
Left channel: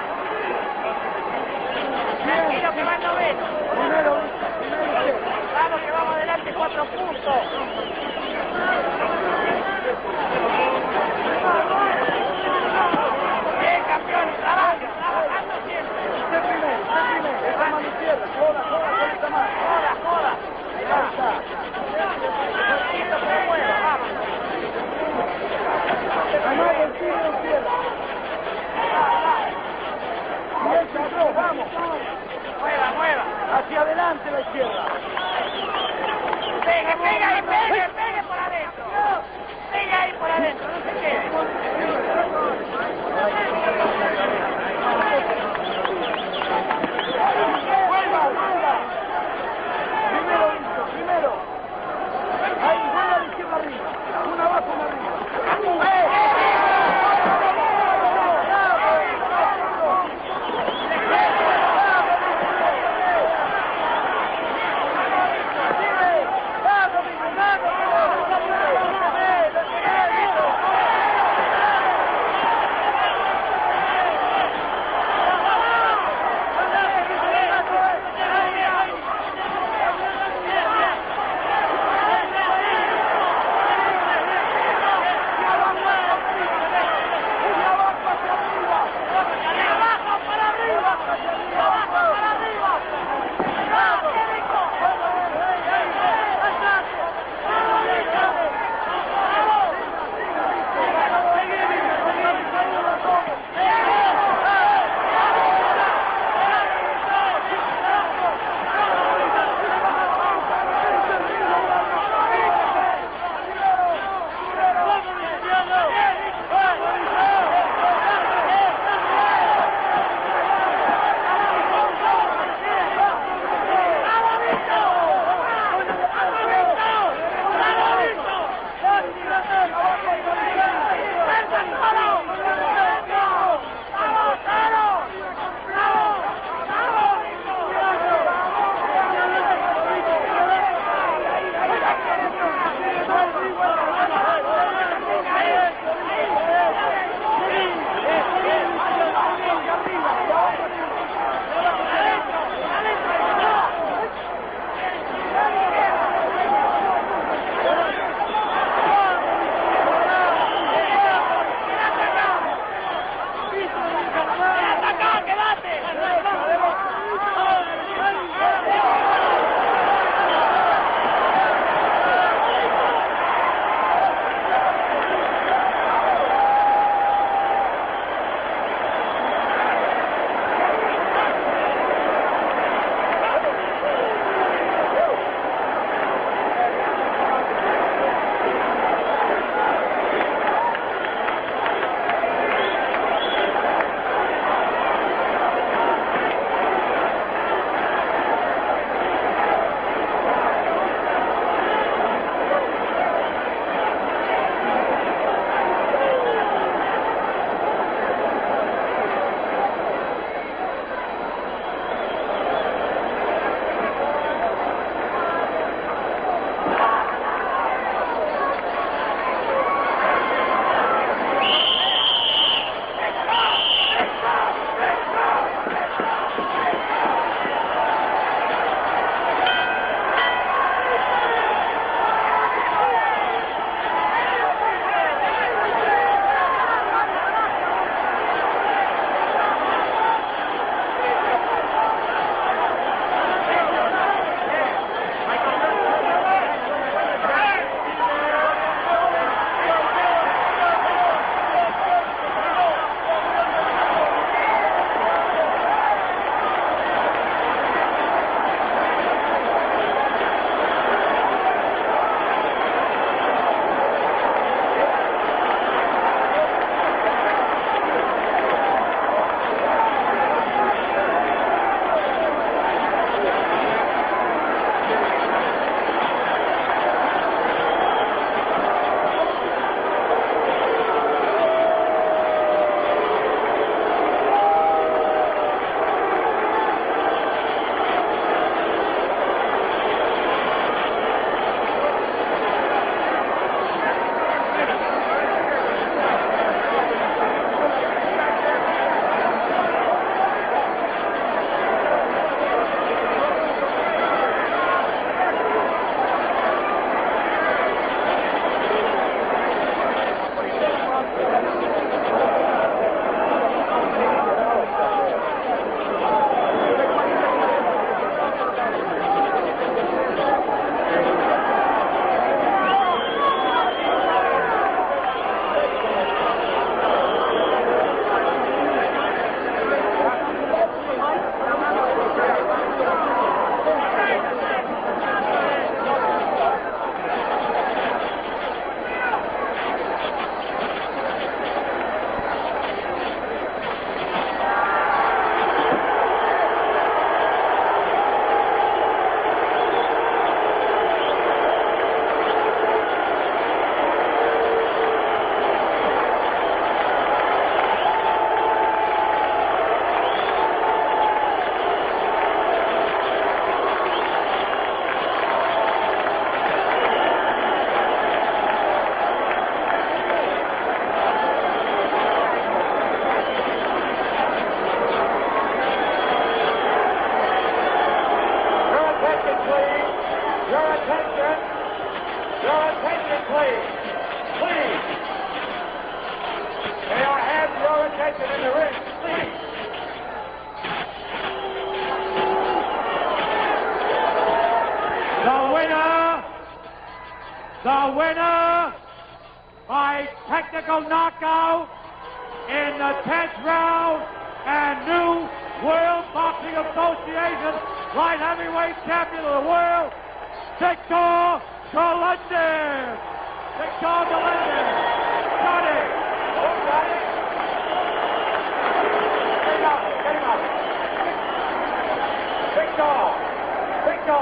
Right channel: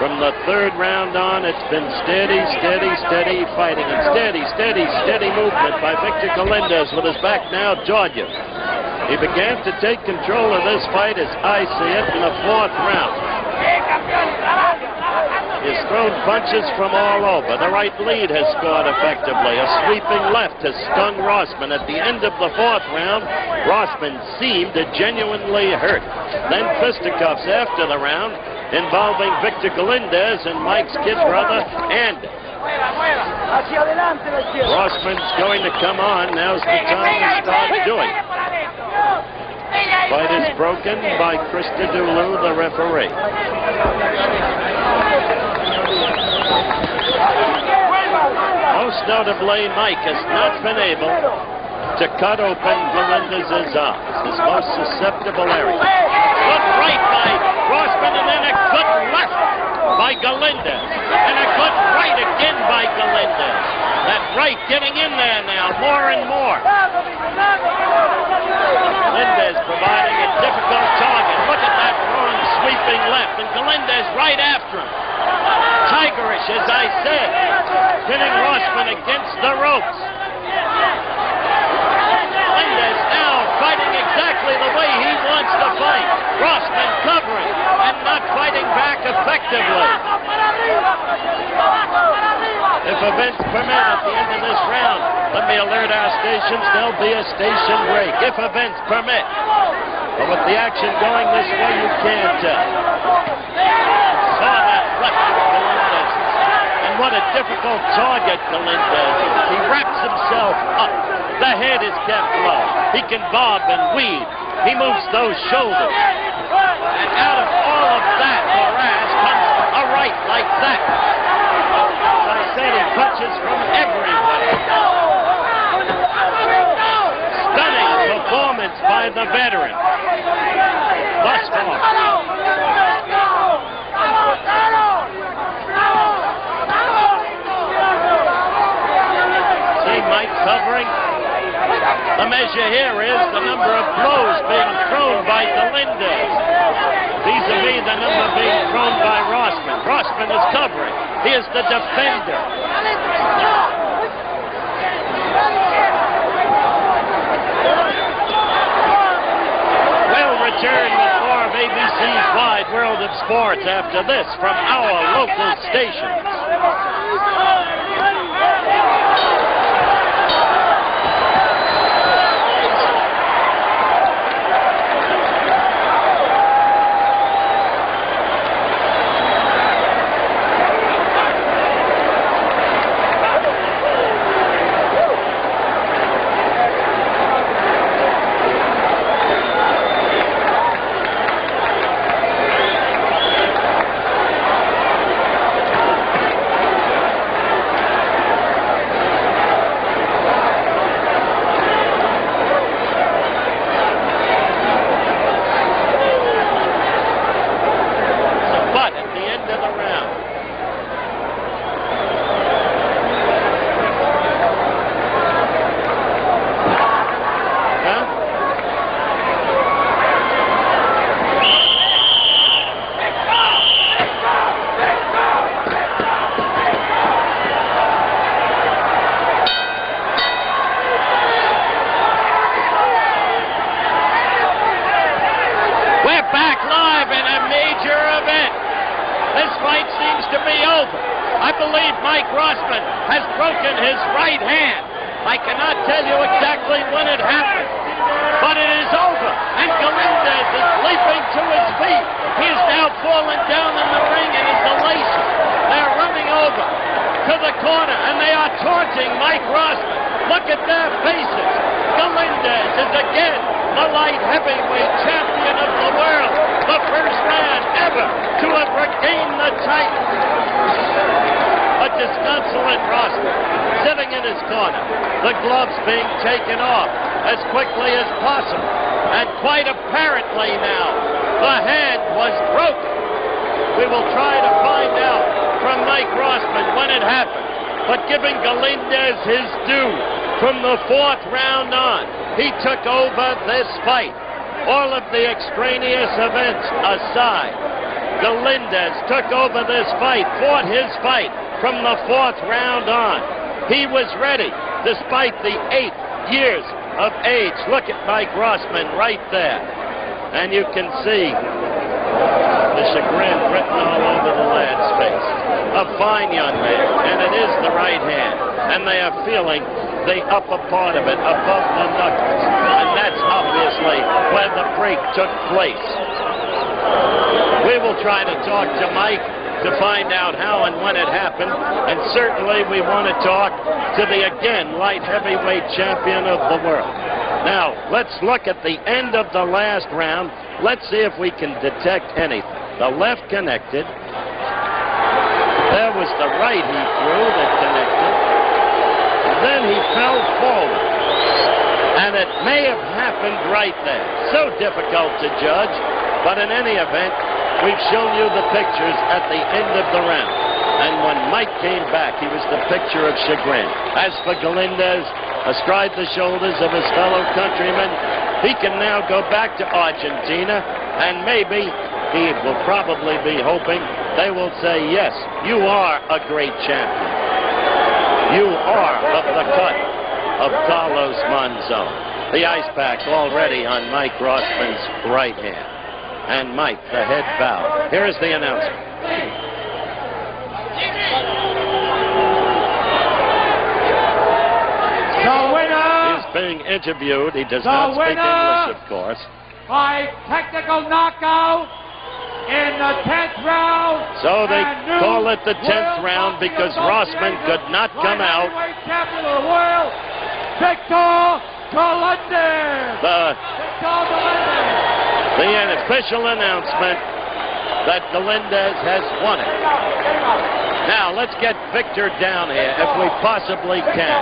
from the 3rd round on, it's been steady, steady, steady fighting, and steady, steady, steady movement by Victor Galindez with his back now toward you. He began to take control of this fight, as I see it, in the 4th round. He's thrown punches from all over. The right lead has scored effectively. A sweeping left has stunned Rossman. At the end of the 4th round, Rossman seemed genuinely hurt. Then fisticuffs after the round, involving Victor Galindez and Mike's kid brother, Andy. Rossman's going to come on. Now's the time to start doing it. Fight is broken by Krista Dulu, the referee. Most notably, Mike has not been able to cut open Galindez's arms, his most susceptible area. Good right by Rossman, and then a good left by Galindez. And a good right again by Galindez. That right getting in there now, more and more. Galindez providing a difficult target. Look at that long sweeping left, and Galindez right after him. Tigerish, as I said, pinning Rossman against the ropes. Galindez now fighting exactly the way he wants to fight. Rossman covering and not fighting back effectively. If events permit, at the end of this round, let me alert our stations, there'll be a station break. If events permit. But with the action going this way, you can't tell. Saw that left of Galindez's. And what a difficult target Galindez is. He wraps himself up. The head is kept low. He can bob and weave. He moves those shoulders. And out of all of that morass comes a right like that. As I said, he punches from everywhere. Stunning performance by the veteran. Thus far. See Mike covering. The measure here is the number of blows being thrown by Galindez. Vis-a-vis the number being thrown by Rossman. Rossman is covering. He is the defender. We'll return with more of ABC's Wide World of Sports after this from our local stations. believe Mike Rossman has broken his right hand. I cannot tell you exactly when it happened, but it is over, and Galindez is leaping to his feet. He is now falling down in the ring in his elation. They're running over to the corner, and they are taunting Mike Rossman. Look at their faces. Galindez is again the light heavyweight champion of the world, the first man ever to have regained the title. A disconsolate Rossman sitting in his corner, the gloves being taken off as quickly as possible, and quite apparently now, the hand was broken. We will try to find out from Mike Rossman when it happened, but giving Galindez his due, from the fourth round on, he took over this fight. All of the extraneous events aside, Galindez took over this fight, fought his fight from the fourth round on. He was ready, despite the 8 years of of age. Look at Mike Rossman right there. And you can see the chagrin written all over the lad's face. A fine young man, and it is the right hand. And they are feeling the upper part of it above the knuckles. And that's obviously where the break took place. We will try to talk to Mike to find out how and when it happened. And certainly we want to talk to the, again, light heavyweight champion of the world. Now, let's look at the end of the last round. Let's see if we can detect anything. The left connected. There was the right he threw that connected. And then he fell forward. And it may have happened right there. So difficult to judge. But in any event, we've shown you the pictures at the end of the round. And when Mike came back, he was the picture of chagrin. As for Galindez, astride the shoulders of his fellow countrymen, he can now go back to Argentina, and maybe he will probably be hoping they will say, yes, you are a great champion. You are of the cut of Carlos Monzon. The ice pack already on Mike Rossman's right hand. And Mike, the head bow. Here is the announcement. The winner! He's being interviewed. He does not speak English, of course. By technical knockout in the 10th round. So they call it the 10th round because Rossman could not come out. Heavyweight champion of the world, Victor Galindez. The official announcement that Galindez has won it. Now, let's get Victor down here if we possibly can.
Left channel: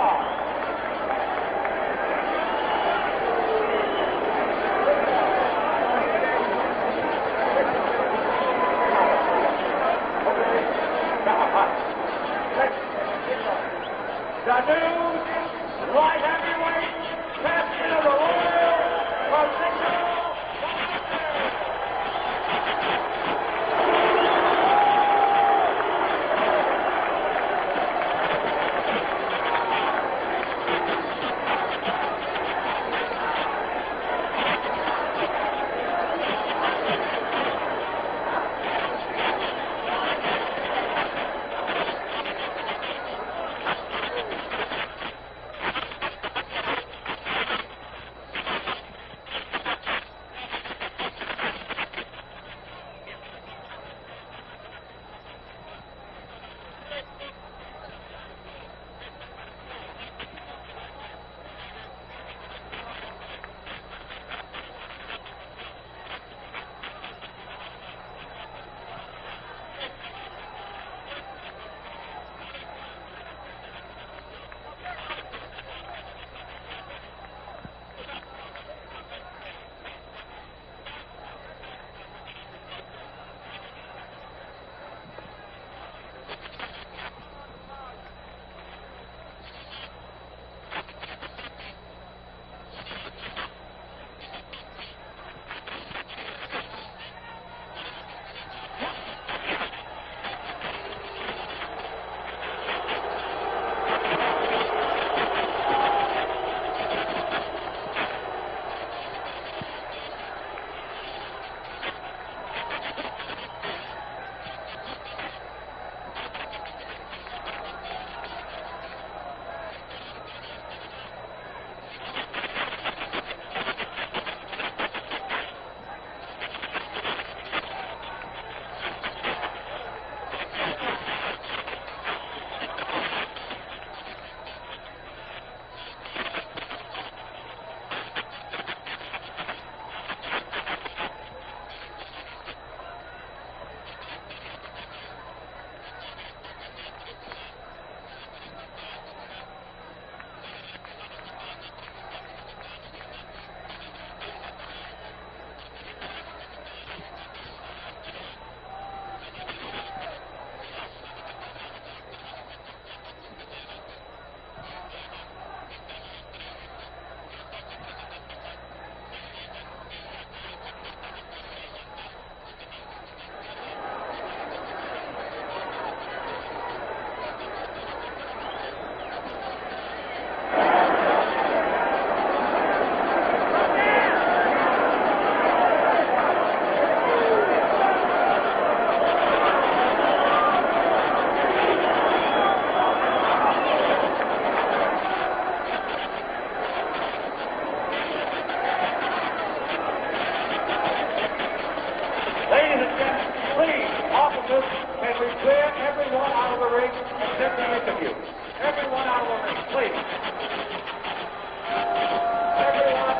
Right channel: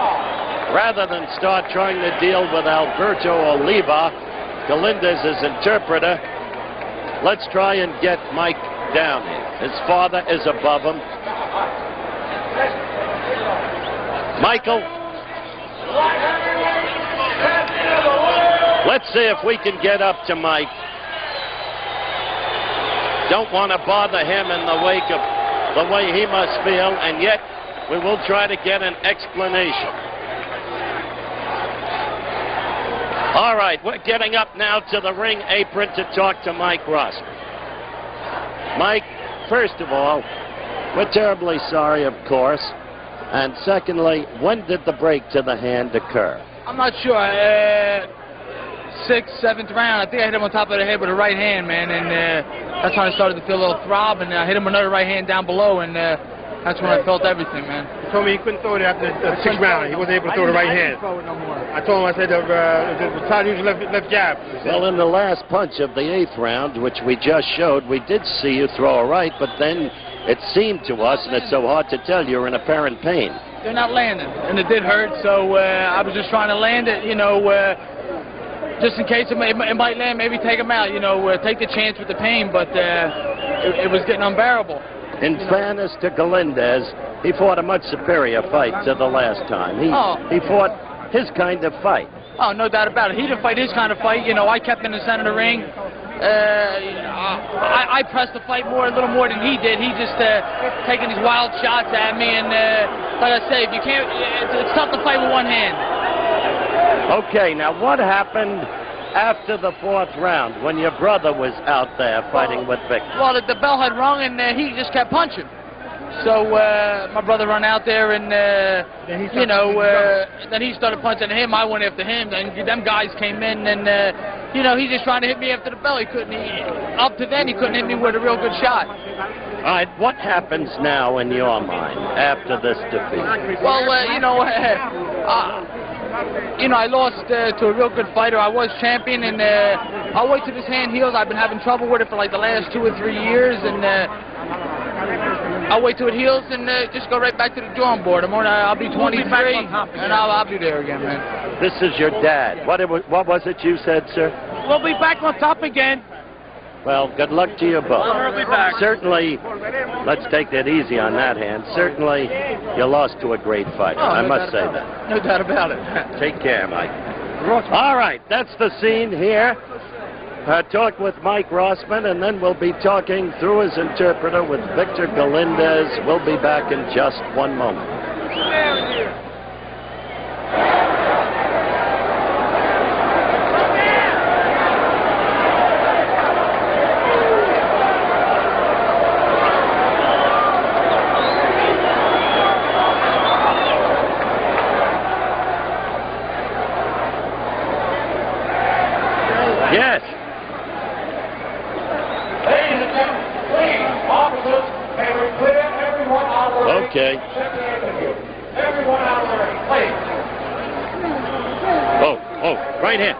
Rather than start trying to deal with Alberto Oliva, Galindez's interpreter, let's try and get Mike down. His father is above him. Michael, let's see if we can get up to Mike. Don't want to bother him in the wake of the way he must feel, and yet we will try to get an explanation. All right, we're getting up now to the ring apron to talk to Mike Rossman. Mike, first of all, we're terribly sorry, of course. And secondly, when did the break to the hand occur? I'm not sure. 6th, 7th round. I think I hit him on top of the head with a right hand, man, and that's when I started to feel a little throb, and I hit him another right hand down below, and that's when I felt everything, man. He told me he couldn't throw it after the 6th round. He wasn't able to throw the right hand. I told him, I said, the time to use left jab. Well, in the last punch of the 8th round, which we just showed, we did see you throw a right, but then it seemed to us, and it's so hard to tell, you're in apparent pain. They're not landing, and it did hurt, so I was just trying to land it, you know, just in case it might land, maybe take him out, you know, take the chance with the pain, but it was getting unbearable. In fairness to Galindez, he fought a much superior fight to the last time. He fought his kind of fight. Oh, no doubt about it. He didn't fight his kind of fight. You know, I kept in the center of the ring. I pressed the fight a little more than he did. He just taking these wild shots at me, and like I say, if you can't, it's tough to fight with one hand. Okay, now what happened after the 4th round when your brother was out there fighting with Victor? Well, the bell had rung, and he just kept punching. So my brother ran out there, and you know, then he started punching him. I went after him, and them guys came in, and you know, he's just trying to hit me after the bell. He couldn't. Up to then, he couldn't hit me with a real good shot. All right, what happens now in your mind after this defeat? Well, you know, I lost to a real good fighter. I was champion, and I'll wait till this hand heals. I've been having trouble with it for like the last 2 or 3 years, and I'll wait till it heals and just go right back to the drawing board. I'll be 23, and I'll be there again, man. This is your dad. What was it you said, sir? We'll be back on top again. Well, good luck to you both. We'll be back. Certainly, let's take that easy on that hand. Certainly, you lost to a great fighter. I must say that. No doubt about it. Take care, Mike. All right, that's the scene here. Talk with Mike Rossman, and then we'll be talking through his interpreter with Victor Galindez. We'll be back in just one moment. Right hand.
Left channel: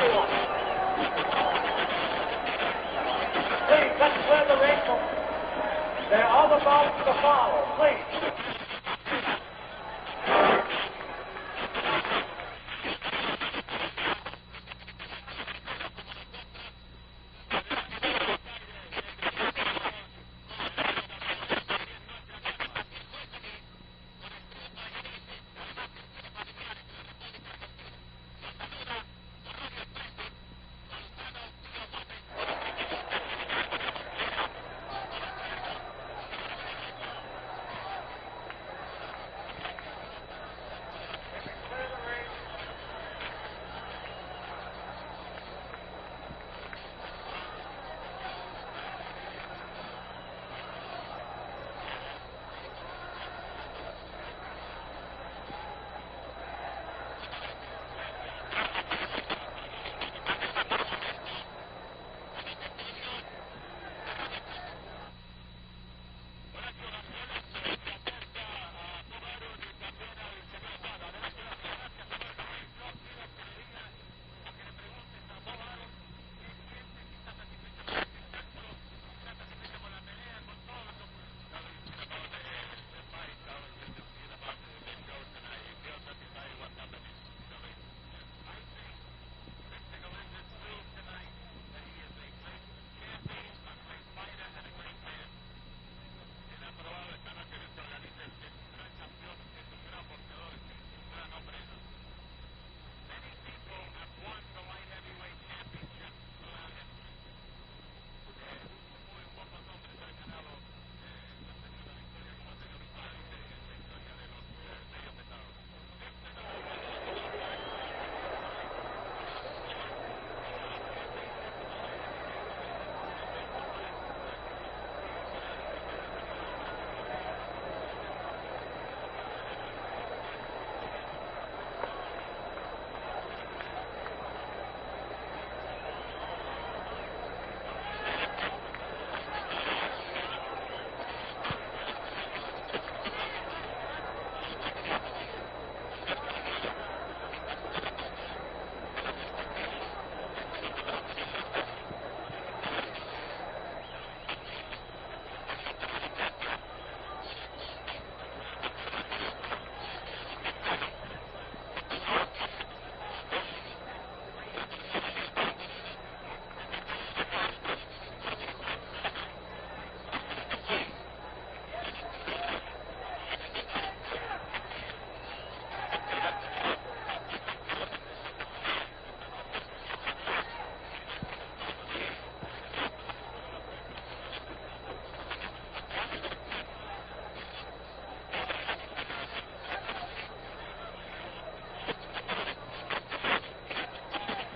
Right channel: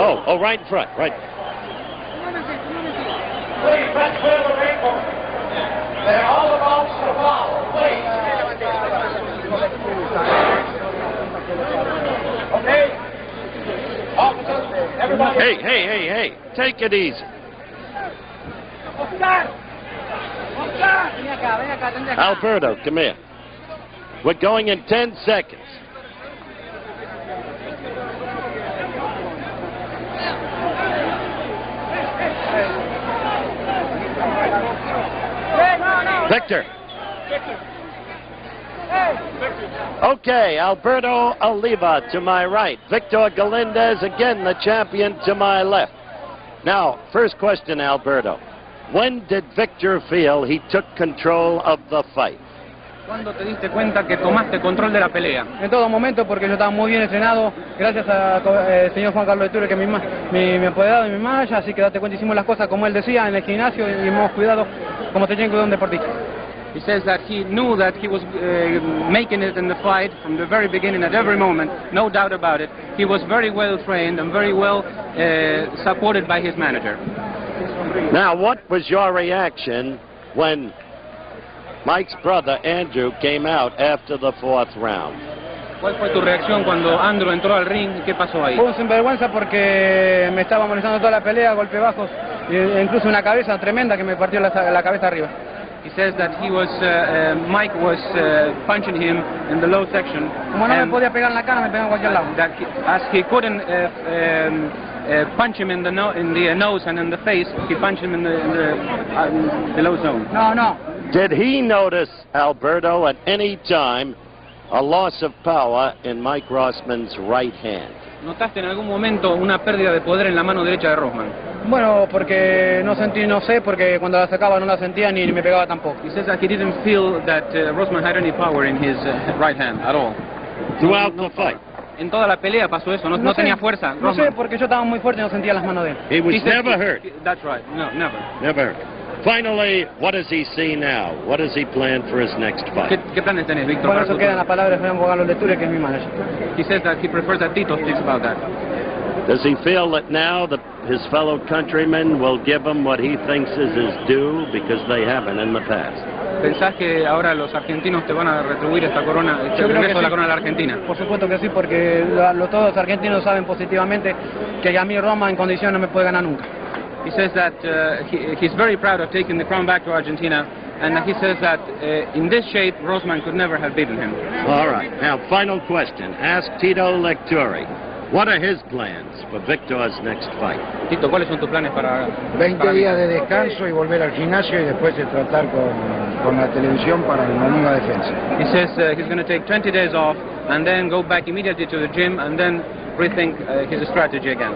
Oh, right in front. Right. Please, let's clear the ring. And all the balls to follow, please. Okay? Officers, everybody. Hey. Take it easy. Alberto, come here. We're going in 10 seconds. Victor. Okay, Alberto Oliva to my right. Victor Galindez, again the champion, to my left. Now, first question, Alberto. When did Victor feel he took control of the fight? ¿Cuándo te diste cuenta que tomaste control de la pelea? En todo momento, porque yo estaba muy bien entrenado, gracias al señor Juan Carlos de Ture, que es mi apoderado y mi manager, así que date cuenta, hicimos las cosas como él decía en el gimnasio y hemos cuidado como te tiene que cuidar un deportista. He says that he knew that he was making it in the fight from the very beginning, at every moment, no doubt about it. He was very well trained and very well supported by his manager. Now, what was your reaction when Mike's brother, Andrew, came out after the 4th round? ¿Cuál fue tu reacción cuando Andrew entró al ring? ¿Qué pasó ahí? Fue un sinvergüenza porque me estaba molestando toda la pelea, golpes bajos, e incluso una cabeza tremenda que me partió la cabeza arriba. He says that he was, Mike was punching him in the low section. Como no me podía pegar en la cara, me pegaba en cualquier lado. That as he couldn't punch him in the nose and in the face, he punched him in the low zone. No. Did he notice, Alberto, at any time a loss of power in Mike Rossman's right hand? ¿Notaste en algún momento una pérdida de poder en la mano derecha de Rossman? Bueno, porque no sé, porque cuando la sacaba no la sentía ni me pegaba tampoco. He says that he didn't feel that Rossman had any power in his right hand at all. Throughout the fight? En toda la pelea pasó eso, no tenía fuerza. No sé, porque yo estaba muy fuerte y no sentía las manos de él. He was never hurt. That's right. No, never. Never hurt. Finally, what does he see now? What does he plan for his next fight? ¿Qué planes tenés, Víctor? Bueno, eso quedan las palabras de Juan Carlos de Ture, que es mi manager. He says that he prefers that Tito speaks about that. Does he feel that now that his fellow countrymen will give him what he thinks is his due because they haven't in the past? ¿Pensás que ahora los argentinos te van a retribuir esta corona, este regreso de la corona de la Argentina? Por supuesto que sí, porque todos los argentinos saben positivamente que a mí Roma en condición no me puede ganar nunca. He says that he's very proud of taking the crown back to Argentina, and he says that in this shape, Rossman could never have beaten him. All right. Now, final question. Ask Tito Lecturi. What are his plans for Victor's next fight? Tito, ¿cuáles son tus planes para 20 días de descanso y volver al gimnasio y después de tratar con la televisión para una nueva defensa. He says he's going to take 20 days off and then go back immediately to the gym and then rethink his strategy again.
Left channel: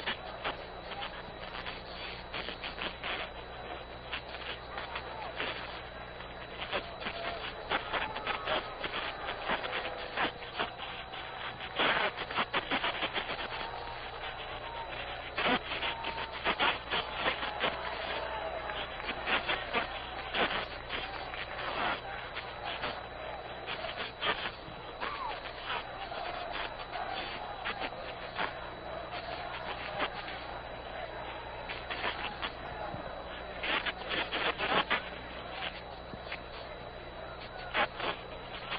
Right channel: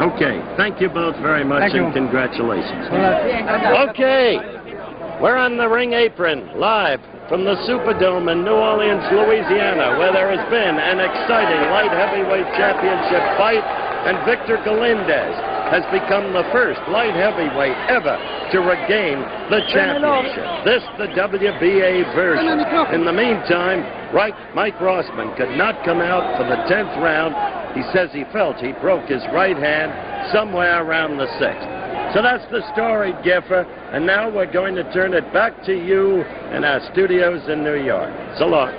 Okay. Thank you both very much and congratulations. Hola. Okay. We're on the ring apron, live from the Superdome in New Orleans, Louisiana, where there has been an exciting light heavyweight championship fight, and Victor Galindez has become the first light heavyweight ever to regain the championship. This, the WBA version. In the meantime, Mike Rossman could not come out for the 10th round. He says he felt he broke his right hand somewhere around the 6th. So that's the story, Giffer. And now we're going to turn it back to you in our studios in New York. So long.